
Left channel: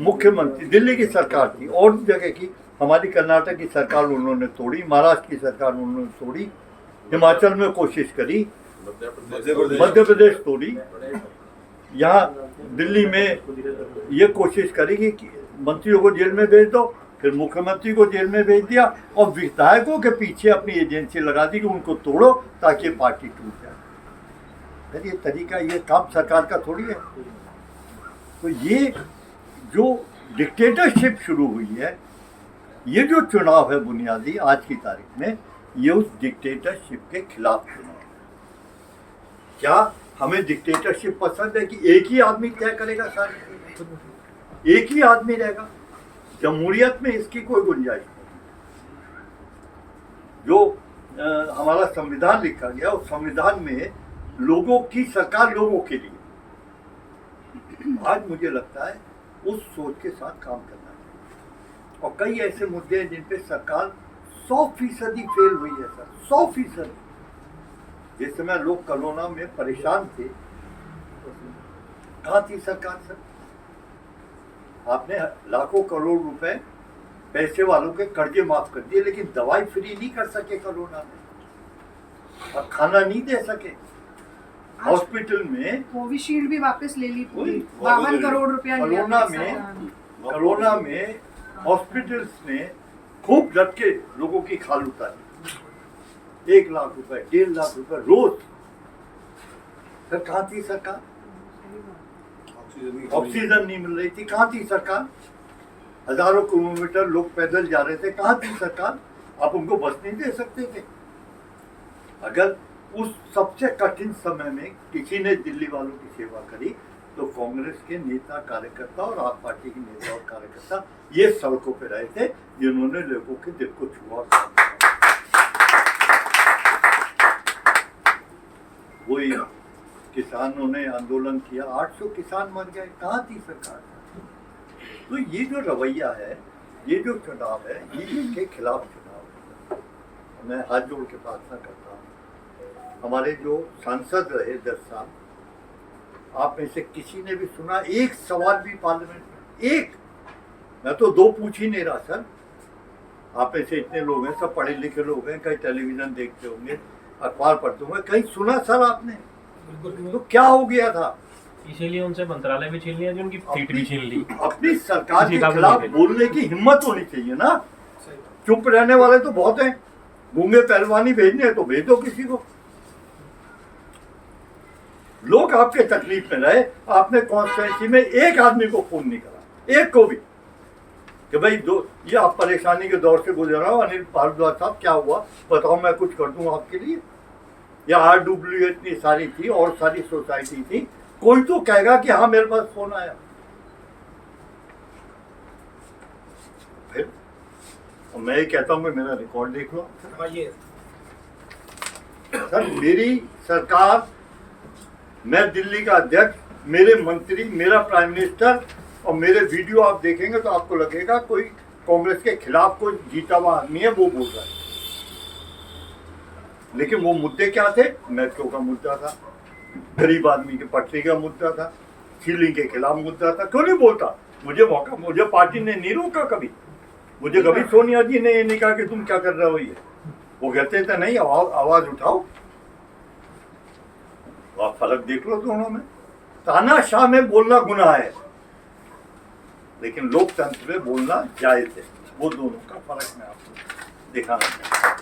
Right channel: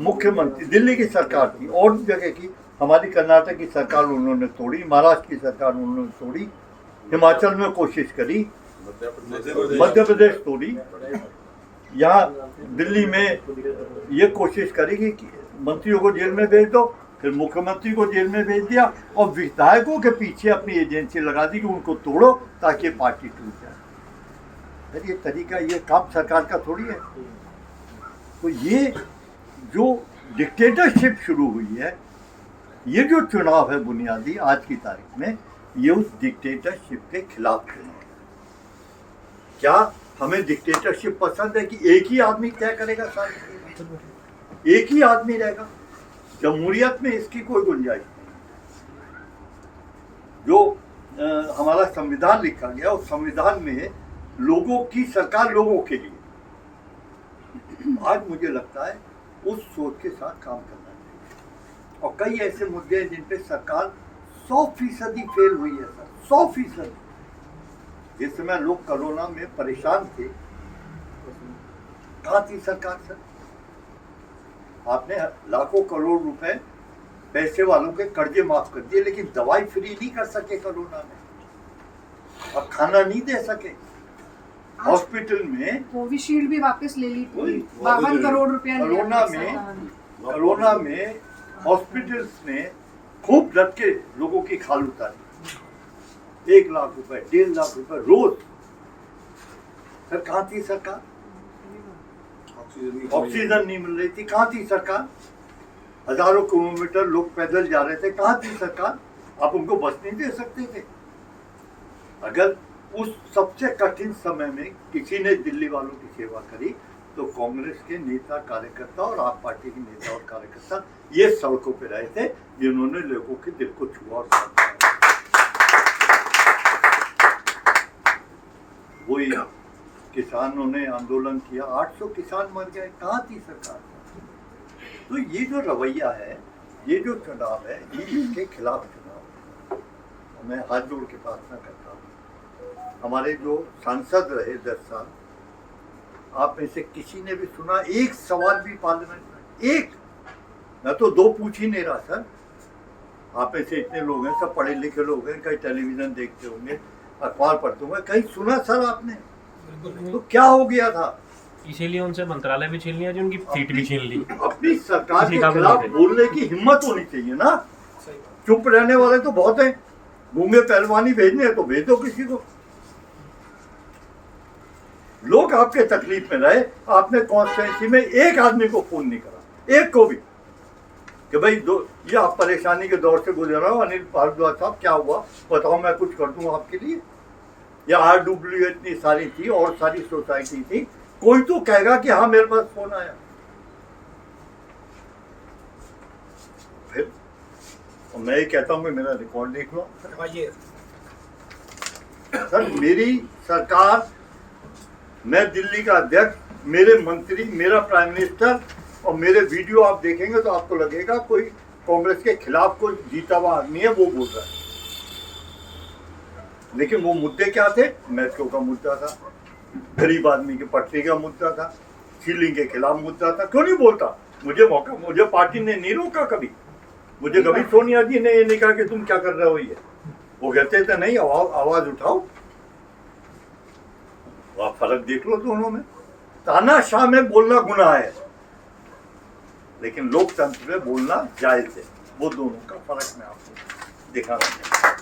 मुख्यमंत्री, दिल्ली की सरकार थी और जगह की, हमारी कर्नाटक की सरकार उन्होंने तोड़ी, महाराष्ट्र की सरकार उन्होंने तोड़ी, हिमाचल में कोशिश करी, मध्य प्रदेश तोड़ी, यहाँ दिल्ली में ये कोशिश करी कि मंत्रियों को जेल में भेज दो, फिर मुख्यमंत्री को जेल में भेज दिया और विधायकों के पीछे अपनी एजेंसी लगा दी कि उनको तोड़ो ताकि पार्टी टूट जाए। फिर ये तरीका, ये काम सरकार का थोड़ी है। तो ये जो डिक्टेटरशिप शुरू हुई है, ये जो चुनाव है बुनियादी आज की तारीख में, ये उस डिक्टेटरशिप के खिलाफ चुनाव है। क्या हमें डिक्टेटरशिप पसंद है कि एक ही आदमी तय करेगा सारे, एक ही आदमी रहेगा? जमहूरियत में इसकी कोई गुंजाइश नहीं। जो हमारा संविधान लिखा गया, उस संविधान में लोगों की सरकार लोगों के लिए, आज मुझे लगता है उस सोच के साथ काम करना चाहिए। और कई ऐसे मुद्दे हैं जिन पे सरकार 100% फेल हुई है सर, 100%। जिस समय लोग कोरोना में परेशान थे, कहाँ थी सरकार सर? आपने लाखों करोड़ रुपए पैसे वालों के कर्जे माफ कर दिए, लेकिन दवाई फ्री नहीं कर सके कोरोना में, और खाना नहीं दे सके। हॉस्पिटल में कोविशील्ड भी वापस ले ली, 52 करोड़ रुपया कोरोना में हॉस्पिटल्स ने खूब डट के लोगों की खाल उतारी, 1 लाख रुपए 1.5 लाख रुपए रोज। सर कहाँ थी सरकार? ऑक्सीजन नहीं मिल रही थी, कहाँ थी सरकार? हजारों किलोमीटर लोग पैदल जा रहे थे, कहाँ थी सरकार? आप उनको बस नहीं दे सकते थे? अगर उस सबसे कठिन समय में किसी ने दिल्ली वालों की सेवा करी तो कांग्रेस के नेता कार्यकर्ता और आप पार्टी के नेता और कार्यकर्ता ये सड़कों पे रहे थे, जिन्होंने लोगों के दिल को छुआ। वही किसानों ने आंदोलन किया, 800 किसान मर गए, कहाँ थी सरकार? तो ये जो रवैया है, ये जो चुनाव है, ये इसके खिलाफ चुनाव है। मैं हाथ जोड़ के प्रार्थना करता हूँ, हमारे जो सांसद रहे 10 साल, आप में से किसी ने भी सुना एक सवाल भी पार्लियामेंट में? एक, मैं तो 2 पूछ ही नहीं रहा सर। आप में से इतने लोग हैं, सब पढ़े लिखे लोग हैं, कहीं टेलीविजन देखते होंगे, अखबार पढ़ते होंगे, कहीं सुना सर आपने? तो क्या हो गया था? इसीलिए उनसे मंत्रालय भी छीन लिया, जो उनकी सीट भी छीन ली। अपनी सरकार के खिलाफ बोलने की हिम्मत होनी चाहिए ना। चुप रहने वाले तो बहुत हैं, गूंगे पहलवानी भेजने हैं तो भेज दो किसी को। लोग आपके तकलीफ में रहे, आपने कॉन्स्टिट्यूंसी में एक आदमी को फोन नहीं करा, एक को भी, कि भाई ये आप परेशानी के दौर से गुजर रहा हो, अनिल भारद्वाज साहब क्या हुआ बताओ, मैं कुछ कर दूं आपके लिए। या RWA इतनी सारी थी और सारी सोसाइटी थी, कोई तो कहेगा कि हाँ मेरे पास फोन आया। फिर मैं ये कहता हूँ कि मेरा रिकॉर्ड देख लो सर। मेरी सरकार, मैं दिल्ली का अध्यक्ष, मेरे मंत्री, मेरा प्राइम मिनिस्टर और मेरे वीडियो आप देखेंगे तो आपको लगेगा कोई कांग्रेस के खिलाफ कोई जीता हुआ आदमी है वो बोल रहा है। लेकिन वो मुद्दे क्या थे? मेट्रो का मुद्दा था, गरीब आदमी के पटरी का मुद्दा था, सीलिंग के खिलाफ मुद्दा था। क्यों नहीं बोलता? मुझे मौका, मुझे पार्टी ने नहीं रोका कभी, मुझे कभी सोनिया जी ने ये नहीं कहा कि तुम क्या कर रहे हो। ये वो कहते थे नहीं, आवाज उठाओ। आप फर्क देख लो दोनों में। तानाशाह में बोलना गुनाह है, लेकिन लोकतंत्र में बोलना जायज है। वो दोनों का फर्क मैं आपको दिखाना चाहता हूँ।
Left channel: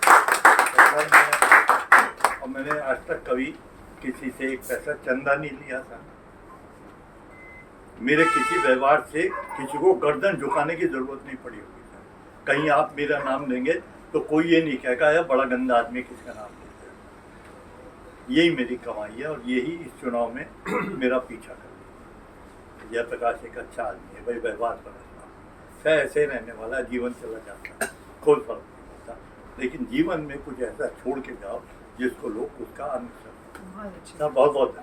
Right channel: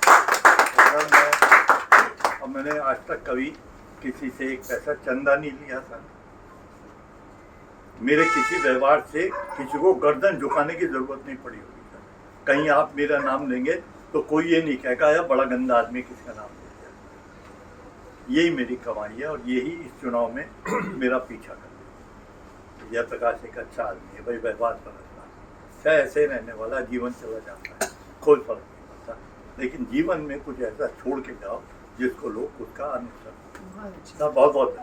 और मैंने आज तक कभी किसी से एक पैसा चंदा नहीं लिया था। मेरे किसी व्यवहार से किसी को गर्दन झुकाने की जरूरत नहीं पड़ी होगी सर। कहीं आप मेरा नाम लेंगे तो कोई ये नहीं कहेगा यार बड़ा गंदा आदमी किसका नाम लेते हैं। यही मेरी कमाई है और यही इस चुनाव में मेरा पीछा कर दिया। जयप्रकाश एक अच्छा आदमी है भाई, व्यवहार समझना, चाहे ऐसे रहने वाला, जीवन चला जाता है, कोई फर्क नहीं पड़ता। लेकिन जीवन में कुछ ऐसा छोड़ के जाओ जिसको लोग उसका अनुसरण। बहुत बहुत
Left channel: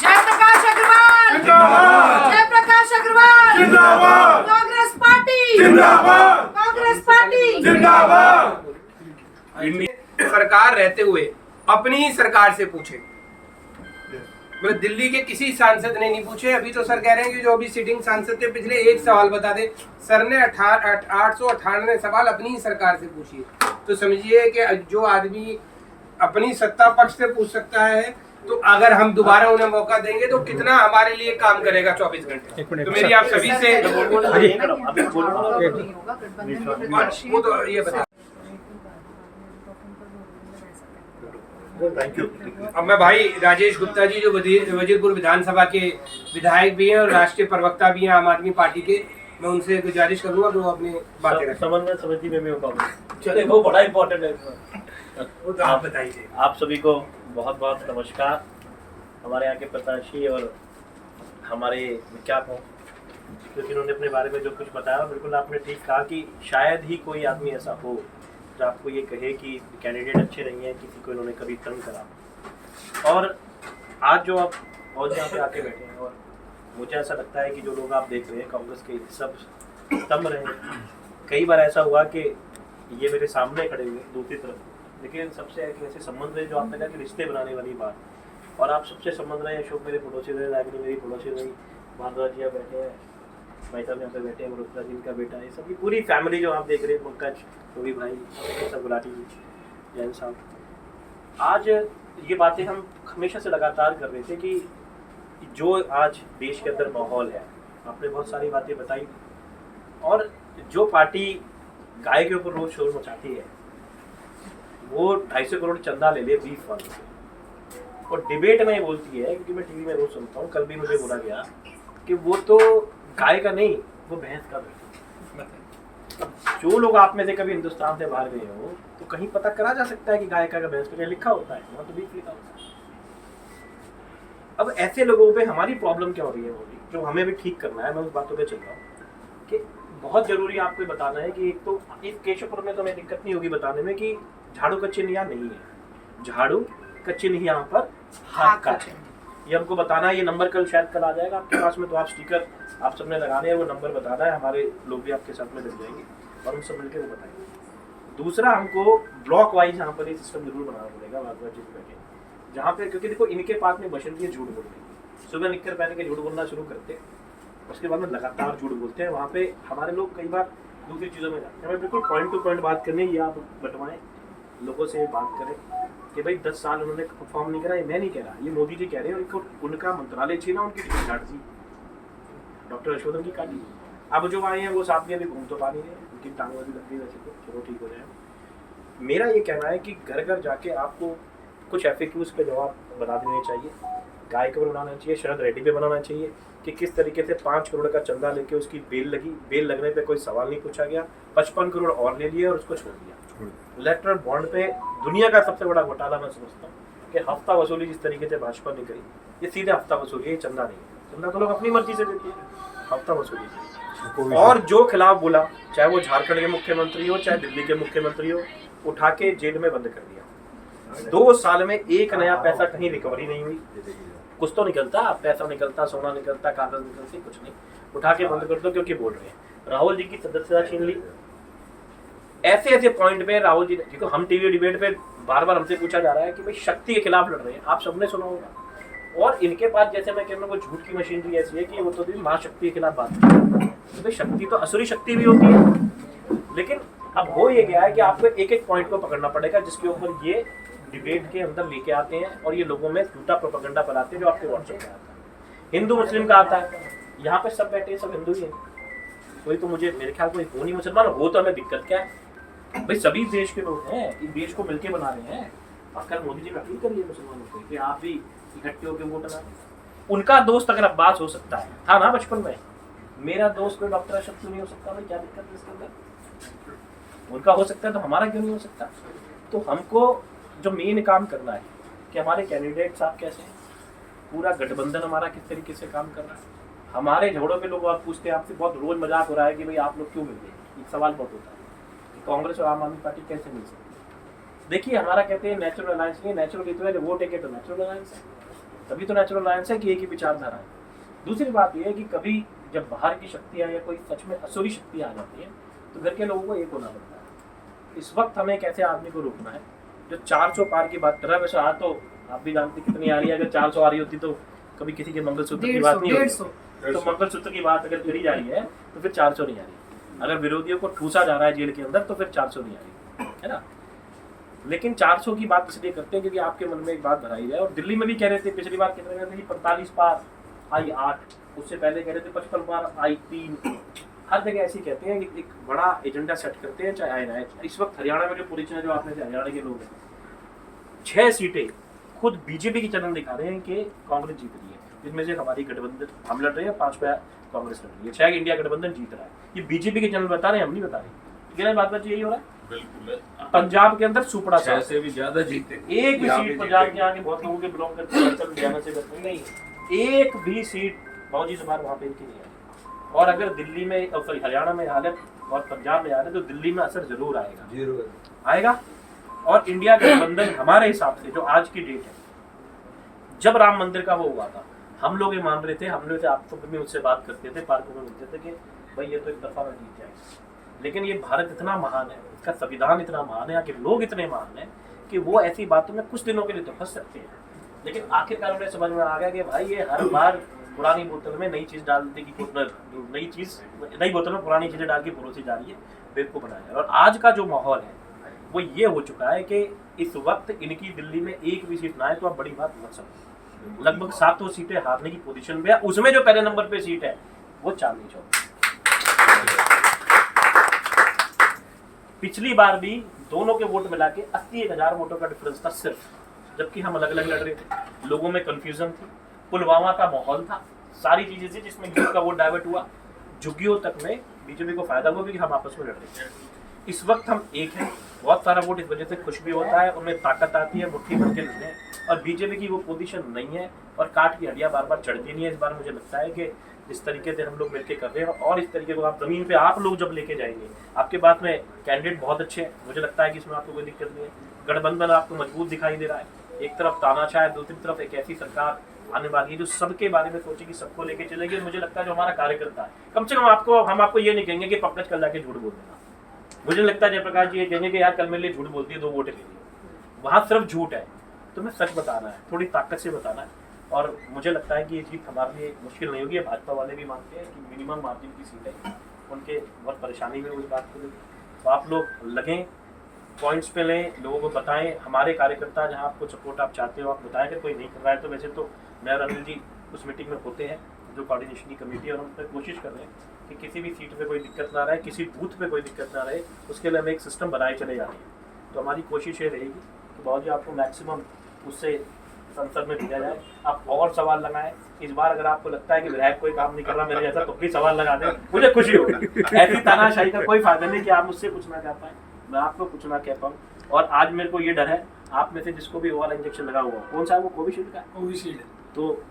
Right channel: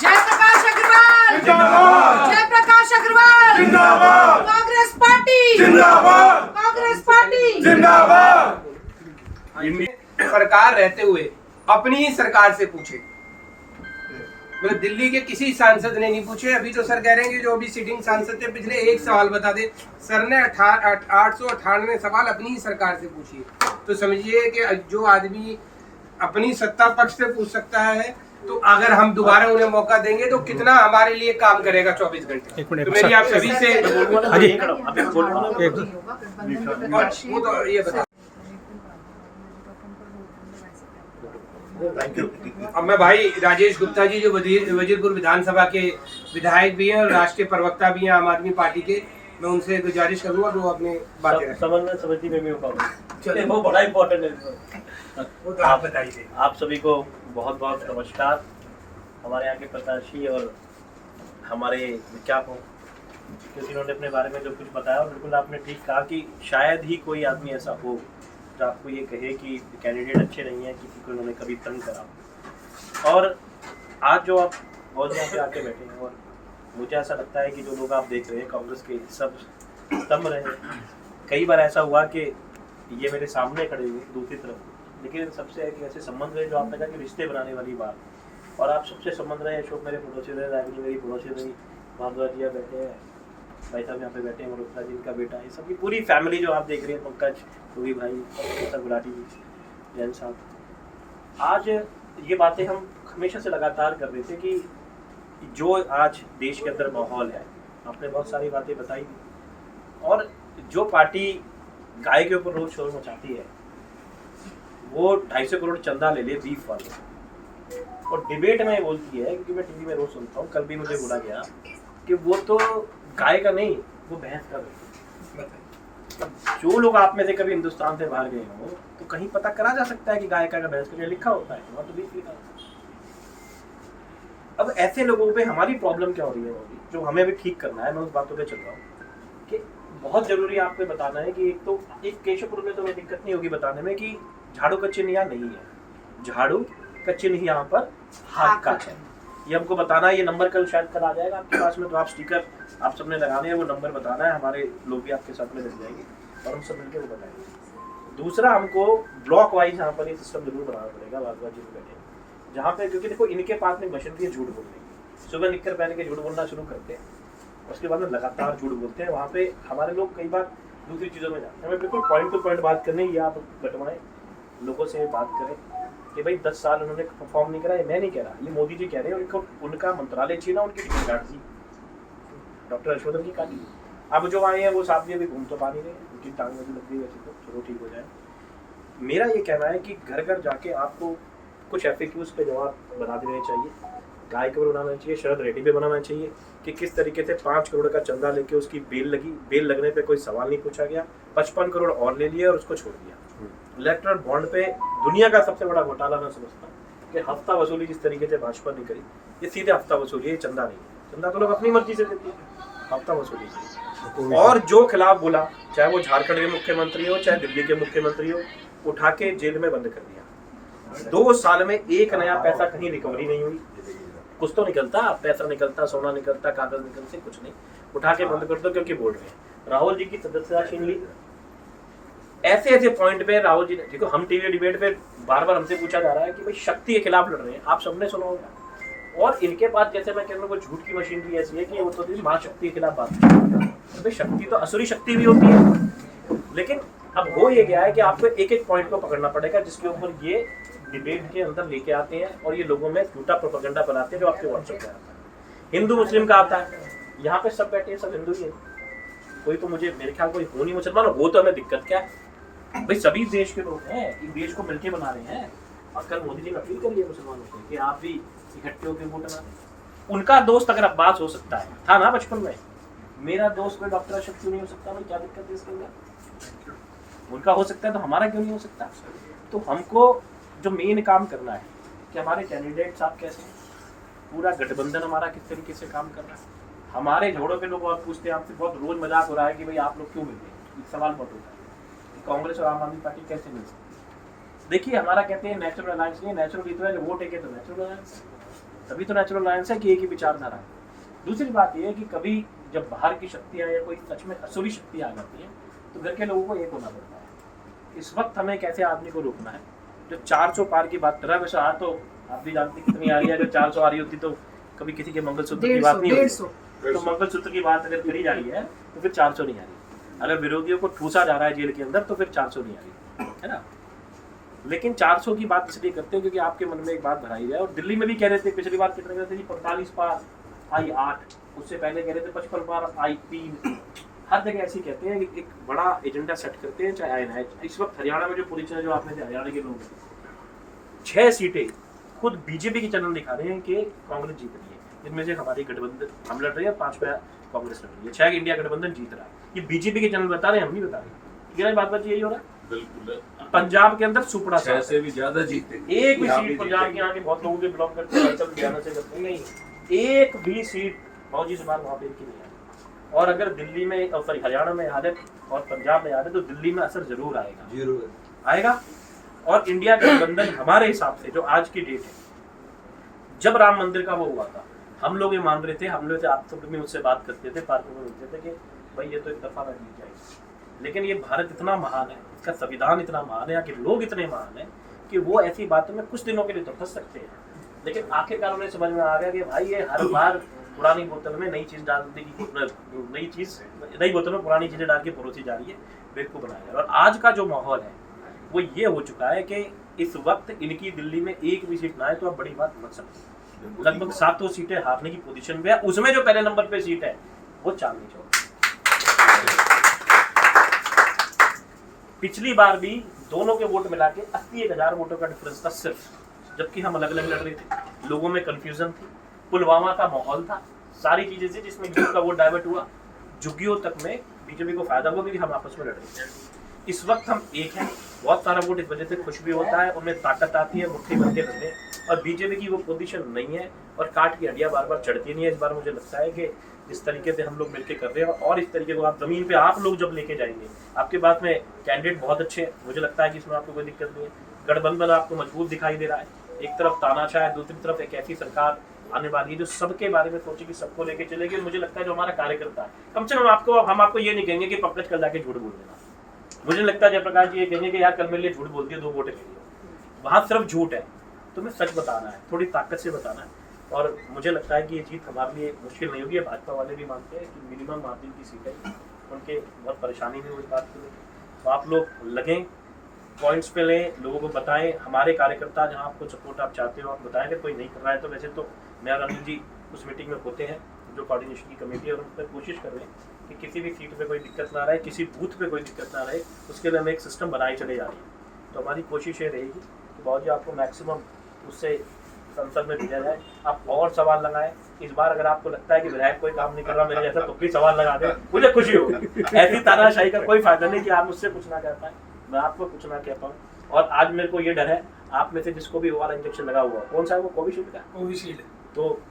जयप्रकाश अग्रवाल जिंदाबाद, जयप्रकाश अग्रवाल जिंदाबाद, कांग्रेस पार्टी जिंदाबाद, कांग्रेस पार्टी जिंदाबाद। सरकार रहते हुए अपनी ही सरकार से पूछे, मतलब दिल्ली के किसी सांसद ने नहीं पूछे। अभी तो सर कह रहे हैं कि जो अभी सिटिंग सांसद थे पिछले एक सवाल बता दे, सर ने 898 सवाल अपनी ही सरकार से पूछिए। तो समझिए कि जो आदमी अपनी सत्ता पक्ष से पूछ सकता है, तो अगर हम दोबारा उन्हें मौका देंगे तो कितना हमारे लिए काम करेगा 24 घंटे। तो मेरी आप सभी से वो तो ये बता। अब मैं भाई राजेश गुप्ता जी जो वजीरपुर विधानसभा के विधायक भी हैं और राष्ट्रीय प्रवक्ता भी हैं आम आदमी पार्टी के, मैं उनसे गुजारिश करूंगा कि वो अपनी बातें रखें। समन्वय समिति में भी होगा। चलिए वो बड़ा इम्पोर्टेंट है। वो तो आप बताइए। आप सभी को बहुत बहुत नमस्कार। हमारे यहाँ के प्रत्याशी और हमारे विज्ञापन, क्योंकि इन्होंने अपने बारे में जो कुछ बताया, बिल्कुल आपने ठीक कहा कि शायद ही कोई आदमी ऐसा हो जो आपको ये कहे कि कैंडिडेट अच्छे नहीं हैं, किसी को इन्होंने कभी तंग करा। और आज जो आप बहुत यहाँ पे आके बैठे हैं, और मुझे ऐसा लगता है कि जो लोग आप देख रहे हैं कांग्रेस के सब स्तंभ रहे हैं। कई बार ऐसा हुआ कि ये मेरे सामने खड़े हुए दूसरी तरफ, लेकिन सबसे एक ऐसे संबंध रहे जो आपने कहा कि रिश्ते बनाने वाली बात, और आप सबसे संबंध रहे। अशोक मेरे पड़ोसी रहे, रागिनी मेरी पड़ोसी रही, भारद्वाज जी बैठे हैं, भाई साहब यहाँ पे बैठे हैं, मरुत्रा जी का बेटा, ये सबकी पूरी फैमिली जो आप देख रहे हैं, पंकज, रवि भाई, सब गुलाटी जी, जैन साहब। आज ये बातें हम हमेशा से लगातार कर रहे थे कि जो आज देश के अंदर माहौल है, आपने बहुत सारी बातें बताई, और जो पार्टी गाय के ऊपर रोज शोर मचाती है वो 250 करोड़ चंदा ले ले बीफ वाले, और डिबेट में बोलती है, क्योंकि मैं टीवी में रोज सुनता हूँ, कल भी मुझे बोला गया कि वो तो गाय का नहीं, वो भैंस का बेटा। जो लोग आप में से कभी हिंदुस्तान से बाहर गए हो तो कहीं पता करा जा सकता है कि गाय का भैंस का लिखा होता है, वहाँ तो बीफ लिखा होता है। अब ऐसे लोगों पे हमारी प्रॉब्लम क्या हो रही है, वो जो हमें भी ठीक करना है, मैं उस बातों पे चल रहा हूँ कि बहुत जरूरी आपको बताना है कि एक तो इस केशवपुर में तो हमें दिक्कत नहीं होगी बताने में कि झाड़ू का चिन्ह यहाँ नहीं है, झाड़ू का चिन्ह यहाँ पर हाथ का है, ये हमको बताना है। ये नंबर कल शायद कल आ जाएगा आपके पास में, तो आप स्टिकर आप सबने लगाने हैं, वो नंबर बताना है, हमारे लोग भी आपके साथ में लग जाएंगे और हम सब मिलकर वो बताएंगे। दूसरा, हमको ब्लॉक वाइज यहाँ पर ये सिस्टम जरूर बनाना पड़ेगा, भारद्वाज जी बैठे जहाँ पे, क्योंकि देखो इनके पास में मशीनरी झूठ बोल रही है, सुबह निककर पहन के झूठ बोलना शुरू करते हैं, उसके बाद में लगातार झूठ बोलते हैं। वहाँ पे हमारे लोग कई बार दूसरी चीज़ों में जाते हैं। हमें बिल्कुल पॉइंट टू पॉइंट बात करनी है, या आप बटवाएं लोगों से बात करें कि भाई 10 साल उन्होंने परफॉर्म नहीं करा, ये मैं नहीं कह रहा, ये मोदी जी कह रहे हैं। उनको उनका मंत्रालय छीना, उनकी टिकट काट दी, डॉक्टर हर्षवर्धन की काटी। अब जो आए हैं वो साथ भी अभी घूम तो पा नहीं रहे, उनकी टांग वाली लग गई, वैसे तो चलो ठीक हो जाए। मेरा ये कहना है कि घर घर जाके आपको कुछ FAQs पे जवाब बना देने चाहिए, गाय के बनाना चाहिए, शरद रेड्डी पे बनाना चाहिए कि किस तरीके से 5 करोड़ का चंदा लेके उसकी बेल लगी, बेल लगने पे कोई सवाल नहीं पूछा गया, 55 करोड़ और ले लिया और उसको छोड़ दिया। इलेक्ट्रल बॉन्ड पे दुनिया का सबसे बड़ा घोटाला मैं समझता हूँ कि हफ्ता वसूली जिस तरीके से भाजपा ने करी, ये सीधे हफ्ता वसूली है, चंदा नहीं है। चंदा तो लोग अपनी मर्जी से देते हैं, हफ्ता वसूली से। और जो खिलाफ बोला, चाहे वो झारखंड के मुख्यमंत्री हो, चाहे दिल्ली के मुख्यमंत्री हो, उठा के जेल में बंद कर दिया। 2 साल में एक नया पैसा कहीं रिकवरी नहीं हुई, कुछ तो निकलता, पैसा निकलता, सोना निकलता, कागज निकलते, कुछ नहीं, उठा के बंद कर दो क्योंकि बोल रहे हैं। राहुल जी की सदस्यता छीन ली। ऐसे ऐसे पॉइंट पे राहुल जी, देखो हम टीवी डिबेट पे बार बार हमसे पूछा जा रहा है कि भाई शक्ति के खिलाफ लड़ रहे हैं, आप सबने सुना होगा। और इनके पास, जैसे मैं कह रहा हूँ, झूठ की मशीनरी ऐसी है कि वो तो माँ शक्ति के खिलाफ बात करती है। तो भाई शक्ति तो असुरी शक्ति भी होती है, लेकिन अब हो ये गया है कि आपको एक एक पॉइंट को पकड़ना पड़ेगा जिसके ऊपर ये डिबेट के अंदर लेके आते हैं और ये लोगों में झूठा प्रोपेगेंडा फैलाते हैं जो आपके व्हाट्सएप पे आता है। हिंदू मुस्लिम का आता है, यहाँ पे सब बैठे हैं, सब हिंदू ही हैं, कोई तो मुझे मेरे ख्याल कोई हो नहीं मुसलमान, हो तो हमें दिक्कत क्या है भाई, सभी देश के लोग हैं, एक देश को मिलके बना रहे हैं। और कल मोदी जी ने अपील करी है मुसलमानों को कि आप भी इकट्ठे होकर वोट डालें। उनका दोस्त अगर अब्बास हो सकता है, था ना बचपन में, मेरा दोस्त कोई डॉक्टर अशोक क्यों नहीं हो सकता भाई, क्या दिक्कत है इसके अंदर? उनका हो सकता है तो हमारा क्यों नहीं हो सकता? तो हमको जो मेन काम करना है कि हमारे कैंडिडेट्स आप कैसे हैं, पूरा गठबंधन हमारा किस तरीके से काम कर रहा है। हमारे झगड़ों पे लोग आप पूछते हैं, आपसे बहुत रोज मजाक हो रहा है कि भाई आप लोग क्यों मिल रहे, सवाल बहुत होता है कि कांग्रेस और आम आदमी पार्टी कैसे मिल सकती है। देखिए हमारा कहते हैं नेचुरल अलायंस नहीं, नेचुरल ही तो है, वोट है तो नेचुरल अलायंस है, तभी तो नेचुरल अलायंस है कि एक ही विचारधारा है। दूसरी बात यह है कि कभी जब बाहर की शक्तियाँ या कोई सच में असुरी शक्ति आ जाती है तो घर के लोगों को एक होना पड़ता है। इस वक्त हमें कैसे आदमी को रोकना है जो 400 पार की बात कर रहा है। वैसे आज तो आप भी जानते कितनी आ रही है, अगर 400 आ रही होती तो कभी किसी के मंगलसूत्र की बात नहीं होती। तो मंगलसूत्र की बात अगर करी जा रही है तो फिर 400 नहीं आ रही। अगर विरोधियों को ठूसा जा रहा है जेल के अंदर तो फिर 400 नहीं आ रही है ना। लेकिन 400 की बात इसलिए करते हैं क्योंकि आपके मन में एक बात भराई जाए। और दिल्ली में भी कह रहे थे, पिछली बार कितने कहते थे 45 पार आई 8, उससे पहले कह रहे थे 55 पार आई 3। हर जगह ऐसे ही कहते हैं, एक बड़ा एजेंडा सेट करते हैं, चाहे आए ना आए। इस वक्त हरियाणा में जो पोजीशन है, जो आपने हरियाणा के लोग हैं, 6 सीटें खुद बीजेपी के चैनल दिखा रहे हैं कि कांग्रेस जीत रही है, जिसमें से हमारी गठबंधन हम लड़ रहे हैं, 5 पे कांग्रेस लड़ रही है, 6 इंडिया गठबंधन जीत रहा है। ये बीजेपी के चैनल बता रहे हैं, हम नहीं बता रहे। बात यही हो रहा है। बिल्कुल पंजाब के अंदर सुपड़ा 6 से भी ज्यादा जीते। एक भी सीट पंजाब के आके बहुत लोगों के बिलोंग करते हैं, चल हरियाणा से करते हैं, नहीं एक भी सीट मौजी से बार वहाँ पे इनकी नहीं आई। और अगर दिल्ली में सॉरी हरियाणा में हालत और पंजाब में हालत तो दिल्ली में असर जरूर आएगा, जरूर आएगा। और इंडिया गठबंधन हमारे हिसाब से जो आज की डेट है, जब राम मंदिर का वो हुआ था, हम लोग ये मान रहे थे, हम लोग आप सब में उससे बात करते थे, पार्कों में मिलते थे कि भाई ये तो एक दफा ना जीत जाए। लेकिन ये भारत इतना महान है, इसका संविधान इतना महान है, यहाँ के लोग इतने महान हैं कि वो ऐसी बातों में कुछ दिनों के लिए तो फंस सकते हैं, लेकिन आखिरकार उन्हें समझ में आ गया कि भाई ये हर बार पुरानी बोतल में नई चीज़ डालने की नई बोतल में पुरानी चीज़ें डाल के परोसी जा रही है, बेवकूफ़ बनाया। और आज का जो माहौल है वो ये हो चुका है कि इस वक्त इनकी दिल्ली में एक भी सीट ना आए तो आप बड़ी बात मत समझो। लगभग 7 सीटें हारने की पोजीशन में है, उसमें जो पहले नंबर पे सीट है वो चांदनी चौक। पिछली बार भी दोनों के वोट मिला के 81,000 वोटों का डिफरेंस था सिर्फ, जबकि हम अलग अलग लड़ रहे थे, लोगों में कंफ्यूजन थी, पुलवामा का माहौल था, सारी चीजें थी जिसमें यूथ का वोट डाइवर्ट हुआ, झुग्गियों तक में बीजेपी को फायदा हुआ क्योंकि हम आपस में लड़ रहे थे। इस वक्त हम एक हैं, बहुत सारा वोट इस वजह से खुश भी होता है, उनमें ताकत आती है, मुट्ठी बन के लड़ने, और बीजेपी की वो पोजीशन नहीं है और काट की हड्डियां बार बार चढ़ती नहीं है। इस बार मुझे लगता है कि जिस तरीके से हम लोग मिलकर कर रहे हैं और इस तरीके को आप जमीन पे आप लोग जब लेके जाएंगे, आपके पास में कैंडिडेट बहुत अच्छे हैं, मुझे लगता है कि इसमें आपको कोई दिक्कत नहीं है। गठबंधन आपको मजबूत दिखाई दे रहा है, एक तरफ तानाशाह है, दूसरी तरफ एक ऐसी सरकार आने वाली है जो सबके बारे में सोचेगी, सबको लेके चलेगी। मुझे लगता है जो हमारा कार्यकर्ता है, कम से कम हम आपको ये नहीं कहेंगे कि पंकज कल जाके झूठ बोल देना। मुझे लगता है जयप्रकाश जी ये कहेंगे कि यार कल मेरे लिए झूठ बोलती है 2 वोट के लिए, वहाँ सिर्फ झूठ है, तुम्हें सच बताना है, थोड़ी ताकत से बताना है। और मुझे लगता है कि ये जीत हमारे लिए मुश्किल नहीं होगी। भाजपा वाले भी मानते हैं कि मिनिमम मार्जिन की सीट है, उनके बहुत परेशानी में उस बात को लेकर। तो आप लोग लगें, पॉइंट्स पे लें, लोगों को बताएं, हमारे कार्यकर्ता जहां आपको सपोर्ट आप चाहते हो आप बताएं। अगर कोई नहीं कर रहा है तो वैसे तो मैं और अनिल जी उस मीटिंग में होते हैं जो कोऑर्डिनेशन की कमेटी है, और हम उस पर कोशिश कर रहे हैं कि किसी भी सीट पे कोई दिक्कत ना रहे, किसी बूथ पे कोई दिक्कत ना रहे, उसके लिए हम एक सिस्टम बनाए चले जा रहे हैं। तो हमारी कोशिश ये रहेगी कि बहुत जी आपको मैक्सिमम उससे संसद में भेजा जाए, आप और सवाल लगाएं। इस बार अगर आपको लगता है कि विधायक कोई काम नहीं कर रहा मेरे जैसा, तो प्लीज सवाल लगा दें, मुझे खुशी होगी। ऐसी तानाशाही का कोई फायदा नहीं कि आप मुझसे कुछ ना कह पाए, मैं आपको कुछ ना कह पाऊँ। और आज मेरे को ये डर है, आप में से जिसको भी वो वाला इंजेक्शन लगा हुआ, कौन सा है वो, कोविशील्ड का, कोविशील्ड, तो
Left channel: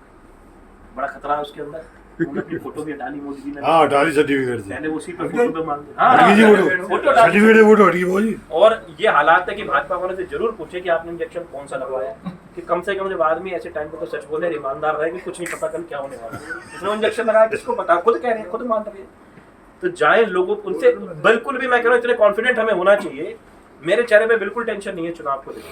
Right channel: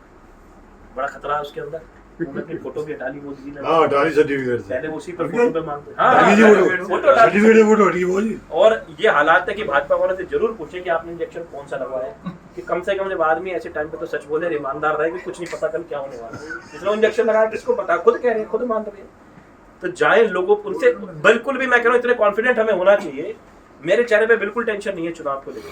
बड़ा खतरा है उसके अंदर। अपनी फोटो भी हटा ली मोदी जी ने, हाँ डाली सर्टिफिकेट पहले उसी पर फोटो पे मांगते, हाँ फोटो सर्टिफिकेट। और ये हालात है कि भाजपा वालों से जरूर पूछे कि आपने इंजेक्शन कौन सा लगवाया, कि कम से कम जब आदमी ऐसे टाइम पे तो सच बोले, ईमानदार रहे कि कुछ नहीं पता कल क्या होने वाला है। जिसने इंजेक्शन लगाया किसको पता, खुद कह रहे हैं, खुद मान रहे हैं। तो जाए लोगों उनसे, बिल्कुल भी मैं कह रहा हूँ इतने कॉन्फिडेंट हमें होना चाहिए। मेरे चेहरे पे बिल्कुल टेंशन नहीं है चुनाव को लेकर,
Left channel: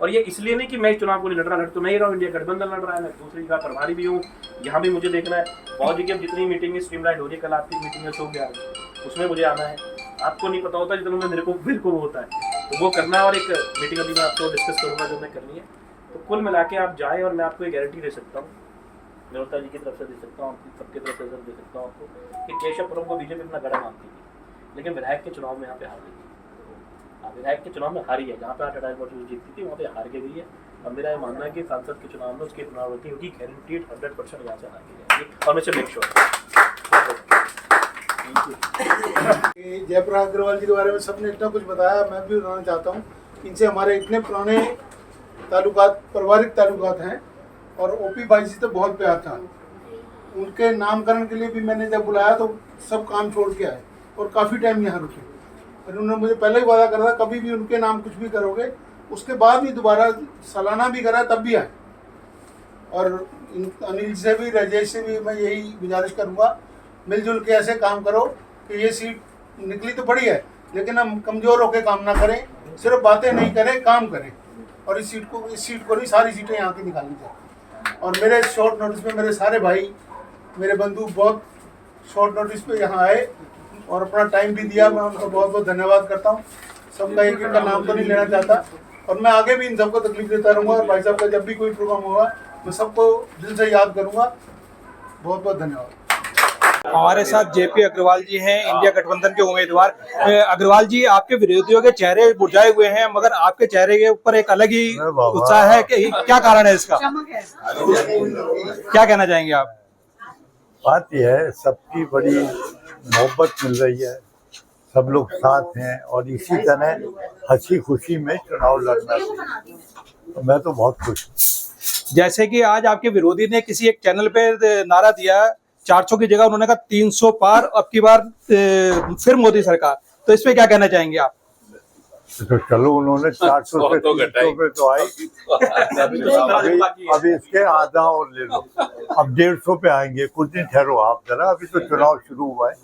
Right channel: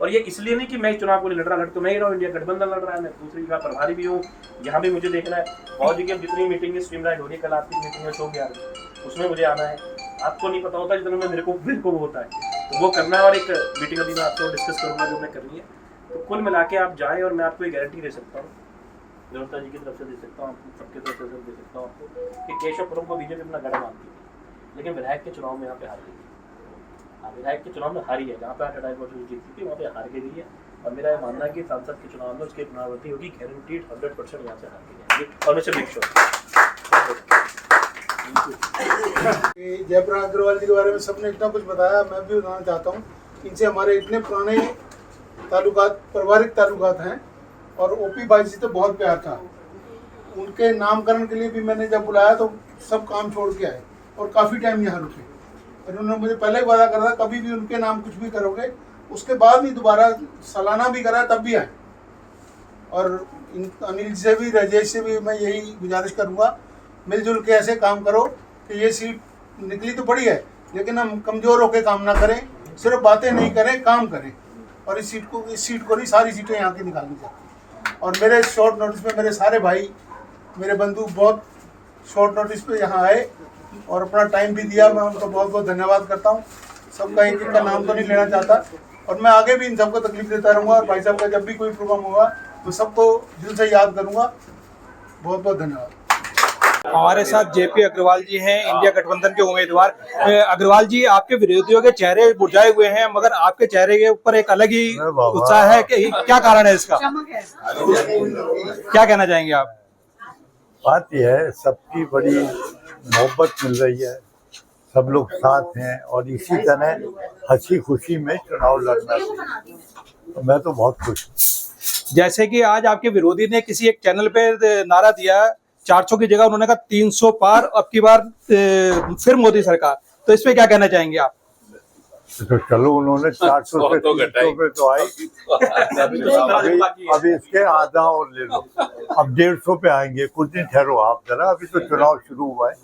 और ये इसलिए नहीं कि मैं चुनाव को लड़ रहा, लड़ तो नहीं रहा हूँ, इंडिया गठबंधन लड़ रहा है, मैं दूसरी जगह प्रभारी भी हूँ, यहाँ भी मुझे देखना है। बहुत जी की अब जितनी मीटिंग स्ट्रीमलाइन हो रही है, कल आपकी मीटिंग में शोक यार उसमें मुझे आना है, आपको नहीं पता होता जितना मेरे को होता है, तो वो करना है। और एक मीटिंग अभी मैं आपको डिस्कस करूँगा जो मैं करनी है। तो कुल मिला के आप जाएँ, और मैं आपको एक गारंटी दे सकता हूँ, जयवर्ता जी की तरफ से दे सकता हूँ, सबकी तरफ से दे सकता हूँ आपको, कि केशवपुरम को बीजेपी अपना गढ़ मानती थी, लेकिन विधायक के चुनाव में यहाँ पे हार गई। विधायक के चुनाव में हारी है, जहाँ पे 8.5% जीतती थी वहाँ पे हार के गई है। और मेरा ये मानना है कि सांसद के चुनाव में उसकी पुनरावृत्ति होगी, गारंटीड 100% यहाँ से हार के जाएगी, और मैं से मेक श्योर। जयप्रकाश अग्रवाल जी के बारे में सबने इतना कुछ बताया, मैं भी बताना चाहता हूँ। इनसे हमारे इतने पुराने ताल्लुकात, पारिवारिक ताल्लुकात हैं, और ओपी भाई जी तो बहुत प्यार था। उनके नामकरण के लिए भी मैंने जब बुलाया तो सब काम छोड़ के आए, और काफ़ी टाइम यहाँ रुके। और उन्होंने मुझे पहले ही वादा करा था कभी भी उनके नाम कुछ भी करोगे, उसके बाद भी दोबारा सालाना भी करा तब भी आए। और अनिल से भी, राजेश से भी मैं यही गुजारिश करूँगा, मिलजुल के ऐसे काम करो कि ये सीट निकली तो बड़ी है, लेकिन हम कमज़ोर होकर काम ना करें, सिर्फ बातें नहीं करें, काम करें। और इस सीट को नहीं, सारी सीटें यहाँ की निकालनी चाहिए। और मेरे शॉर्ट नोटिस पे मेरे सारे भाई, मेरे बंधु बहुत शॉर्ट नोटिस पे यहाँ आए और अपना टाइम भी दिया, मैं उनका बहुत बहुत धन्यवाद करता हूँ। सबका एक एक का नाम तो नहीं लेना चाहता, और मैं आगे भी इन सबको तकलीफ देता रहूँगा। और भाई साहब का जब भी कोई प्रोग्राम होगा मैं सबको दिल से याद करूँगा। बहुत बहुत धन्यवाद। हमारे साथ जेपी अग्रवाल जी हैं, इंडिया गठबंधन के उम्मीदवार। अग्रवाल जी, आपके विरोधियों के चेहरे मुरझाए हुए हैं, मगर आपके चेहरे के ऊपर एक अलग ही उत्साह है, कि क्या कारण है इसका, क्या कहना चाहेंगे आप? बात यह है, सबकी बड़ी मोहब्बत मिल रही है, सब लोग साथ हैं और इसी तरह हंसी खुशी में चुनाव लड़ना चाहिए। तो मैं तो बहुत खुश हूँ। जैसे कि आज आपके विरोधी ने किसी एक चैनल पे नारा दिया 400 की जगह उन्होंने कहा 300 पार, अब की बार फिर मोदी सरकार, तो इस पे क्या कहना चाहेंगे आप? तो चलो उन्होंने 400 से 300 पे तो आई, अभी इसके आधा और ले लो, अब 150 पे आएंगे। कुछ दिन ठहरो आप जरा, अभी तो चुनाव शुरू हुआ है,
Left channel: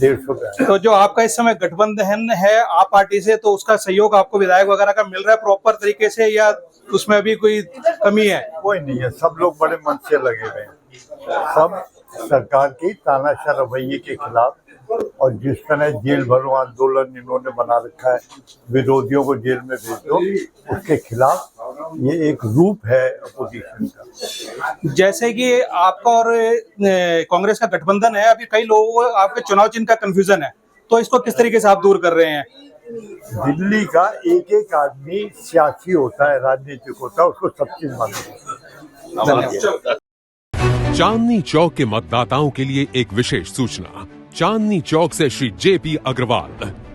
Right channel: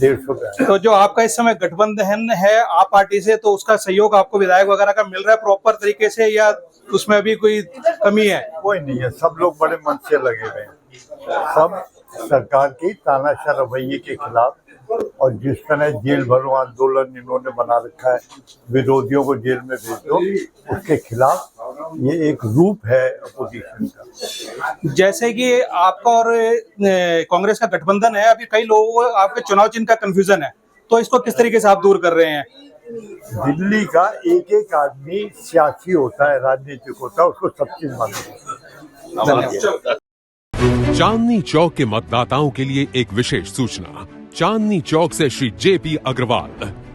150 पे आएंगे। तो जो आपका इस समय गठबंधन है आप पार्टी से, तो उसका सहयोग आपको विधायक वगैरह का मिल रहा है प्रॉपर तरीके से, या उसमें अभी कोई कमी है? कोई नहीं है, सब लोग बड़े मन से लगे हुए हैं, सब सरकार की तानाशाह रवैये के खिलाफ। और जिस तरह जेल भरो आंदोलन इन्होंने बना रखा है, विरोधियों को जेल में भेज दो, उसके खिलाफ ये एक रूप है अपोजिशन का। जैसे कि आपका और कांग्रेस का गठबंधन है, अभी कई लोगों को आपके चुनाव चिन्ह का कंफ्यूजन है, तो इसको किस तरीके से आप दूर कर रहे हैं? दिल्ली का एक एक आदमी सियासी होता है, राजनीतिक होता है, उसको सब चीज मालूम है। चांदनी चौक के मतदाताओं के लिए एक विशेष सूचना। चांदनी चौक से श्री जेपी अग्रवाल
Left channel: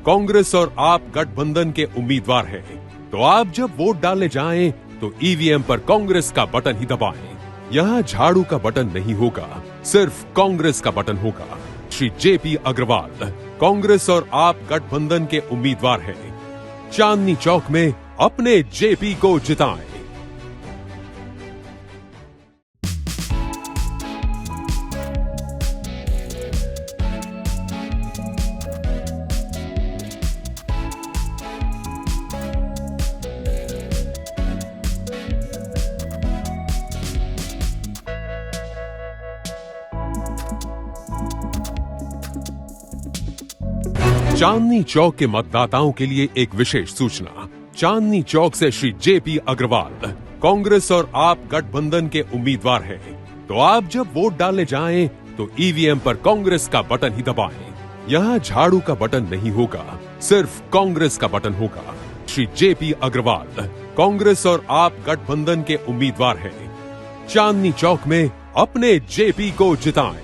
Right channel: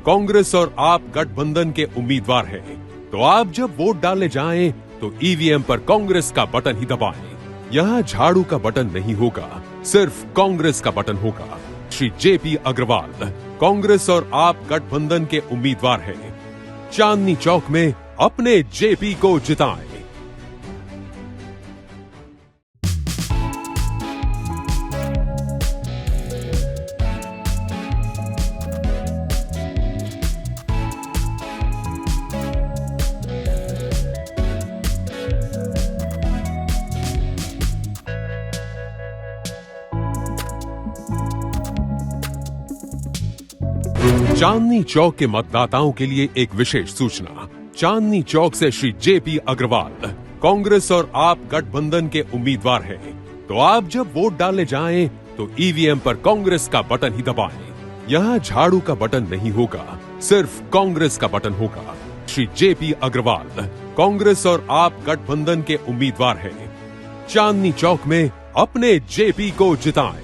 कांग्रेस और आप गठबंधन के उम्मीदवार हैं, तो आप जब वोट डालने जाएं तो ईवीएम पर कांग्रेस का बटन ही दबाएं। यहाँ झाड़ू का बटन नहीं होगा, सिर्फ कांग्रेस का बटन होगा। श्री जेपी अग्रवाल कांग्रेस और आप गठबंधन के उम्मीदवार हैं। चांदनी चौक में अपने जेपी को जिताएं। चांदनी चौक के मतदाताओं के लिए एक विशेष सूचना। चांदनी चौक से श्री जेपी अग्रवाल कांग्रेस और आप गठबंधन के उम्मीदवार हैं, तो आप जब वोट डालने जाएं तो ईवीएम पर कांग्रेस का बटन ही दबाएं। यहाँ झाड़ू का बटन नहीं होगा, सिर्फ कांग्रेस का बटन होगा। श्री जेपी अग्रवाल कांग्रेस और आप गठबंधन के उम्मीदवार हैं। चांदनी चौक में अपने जेपी को जिताएं।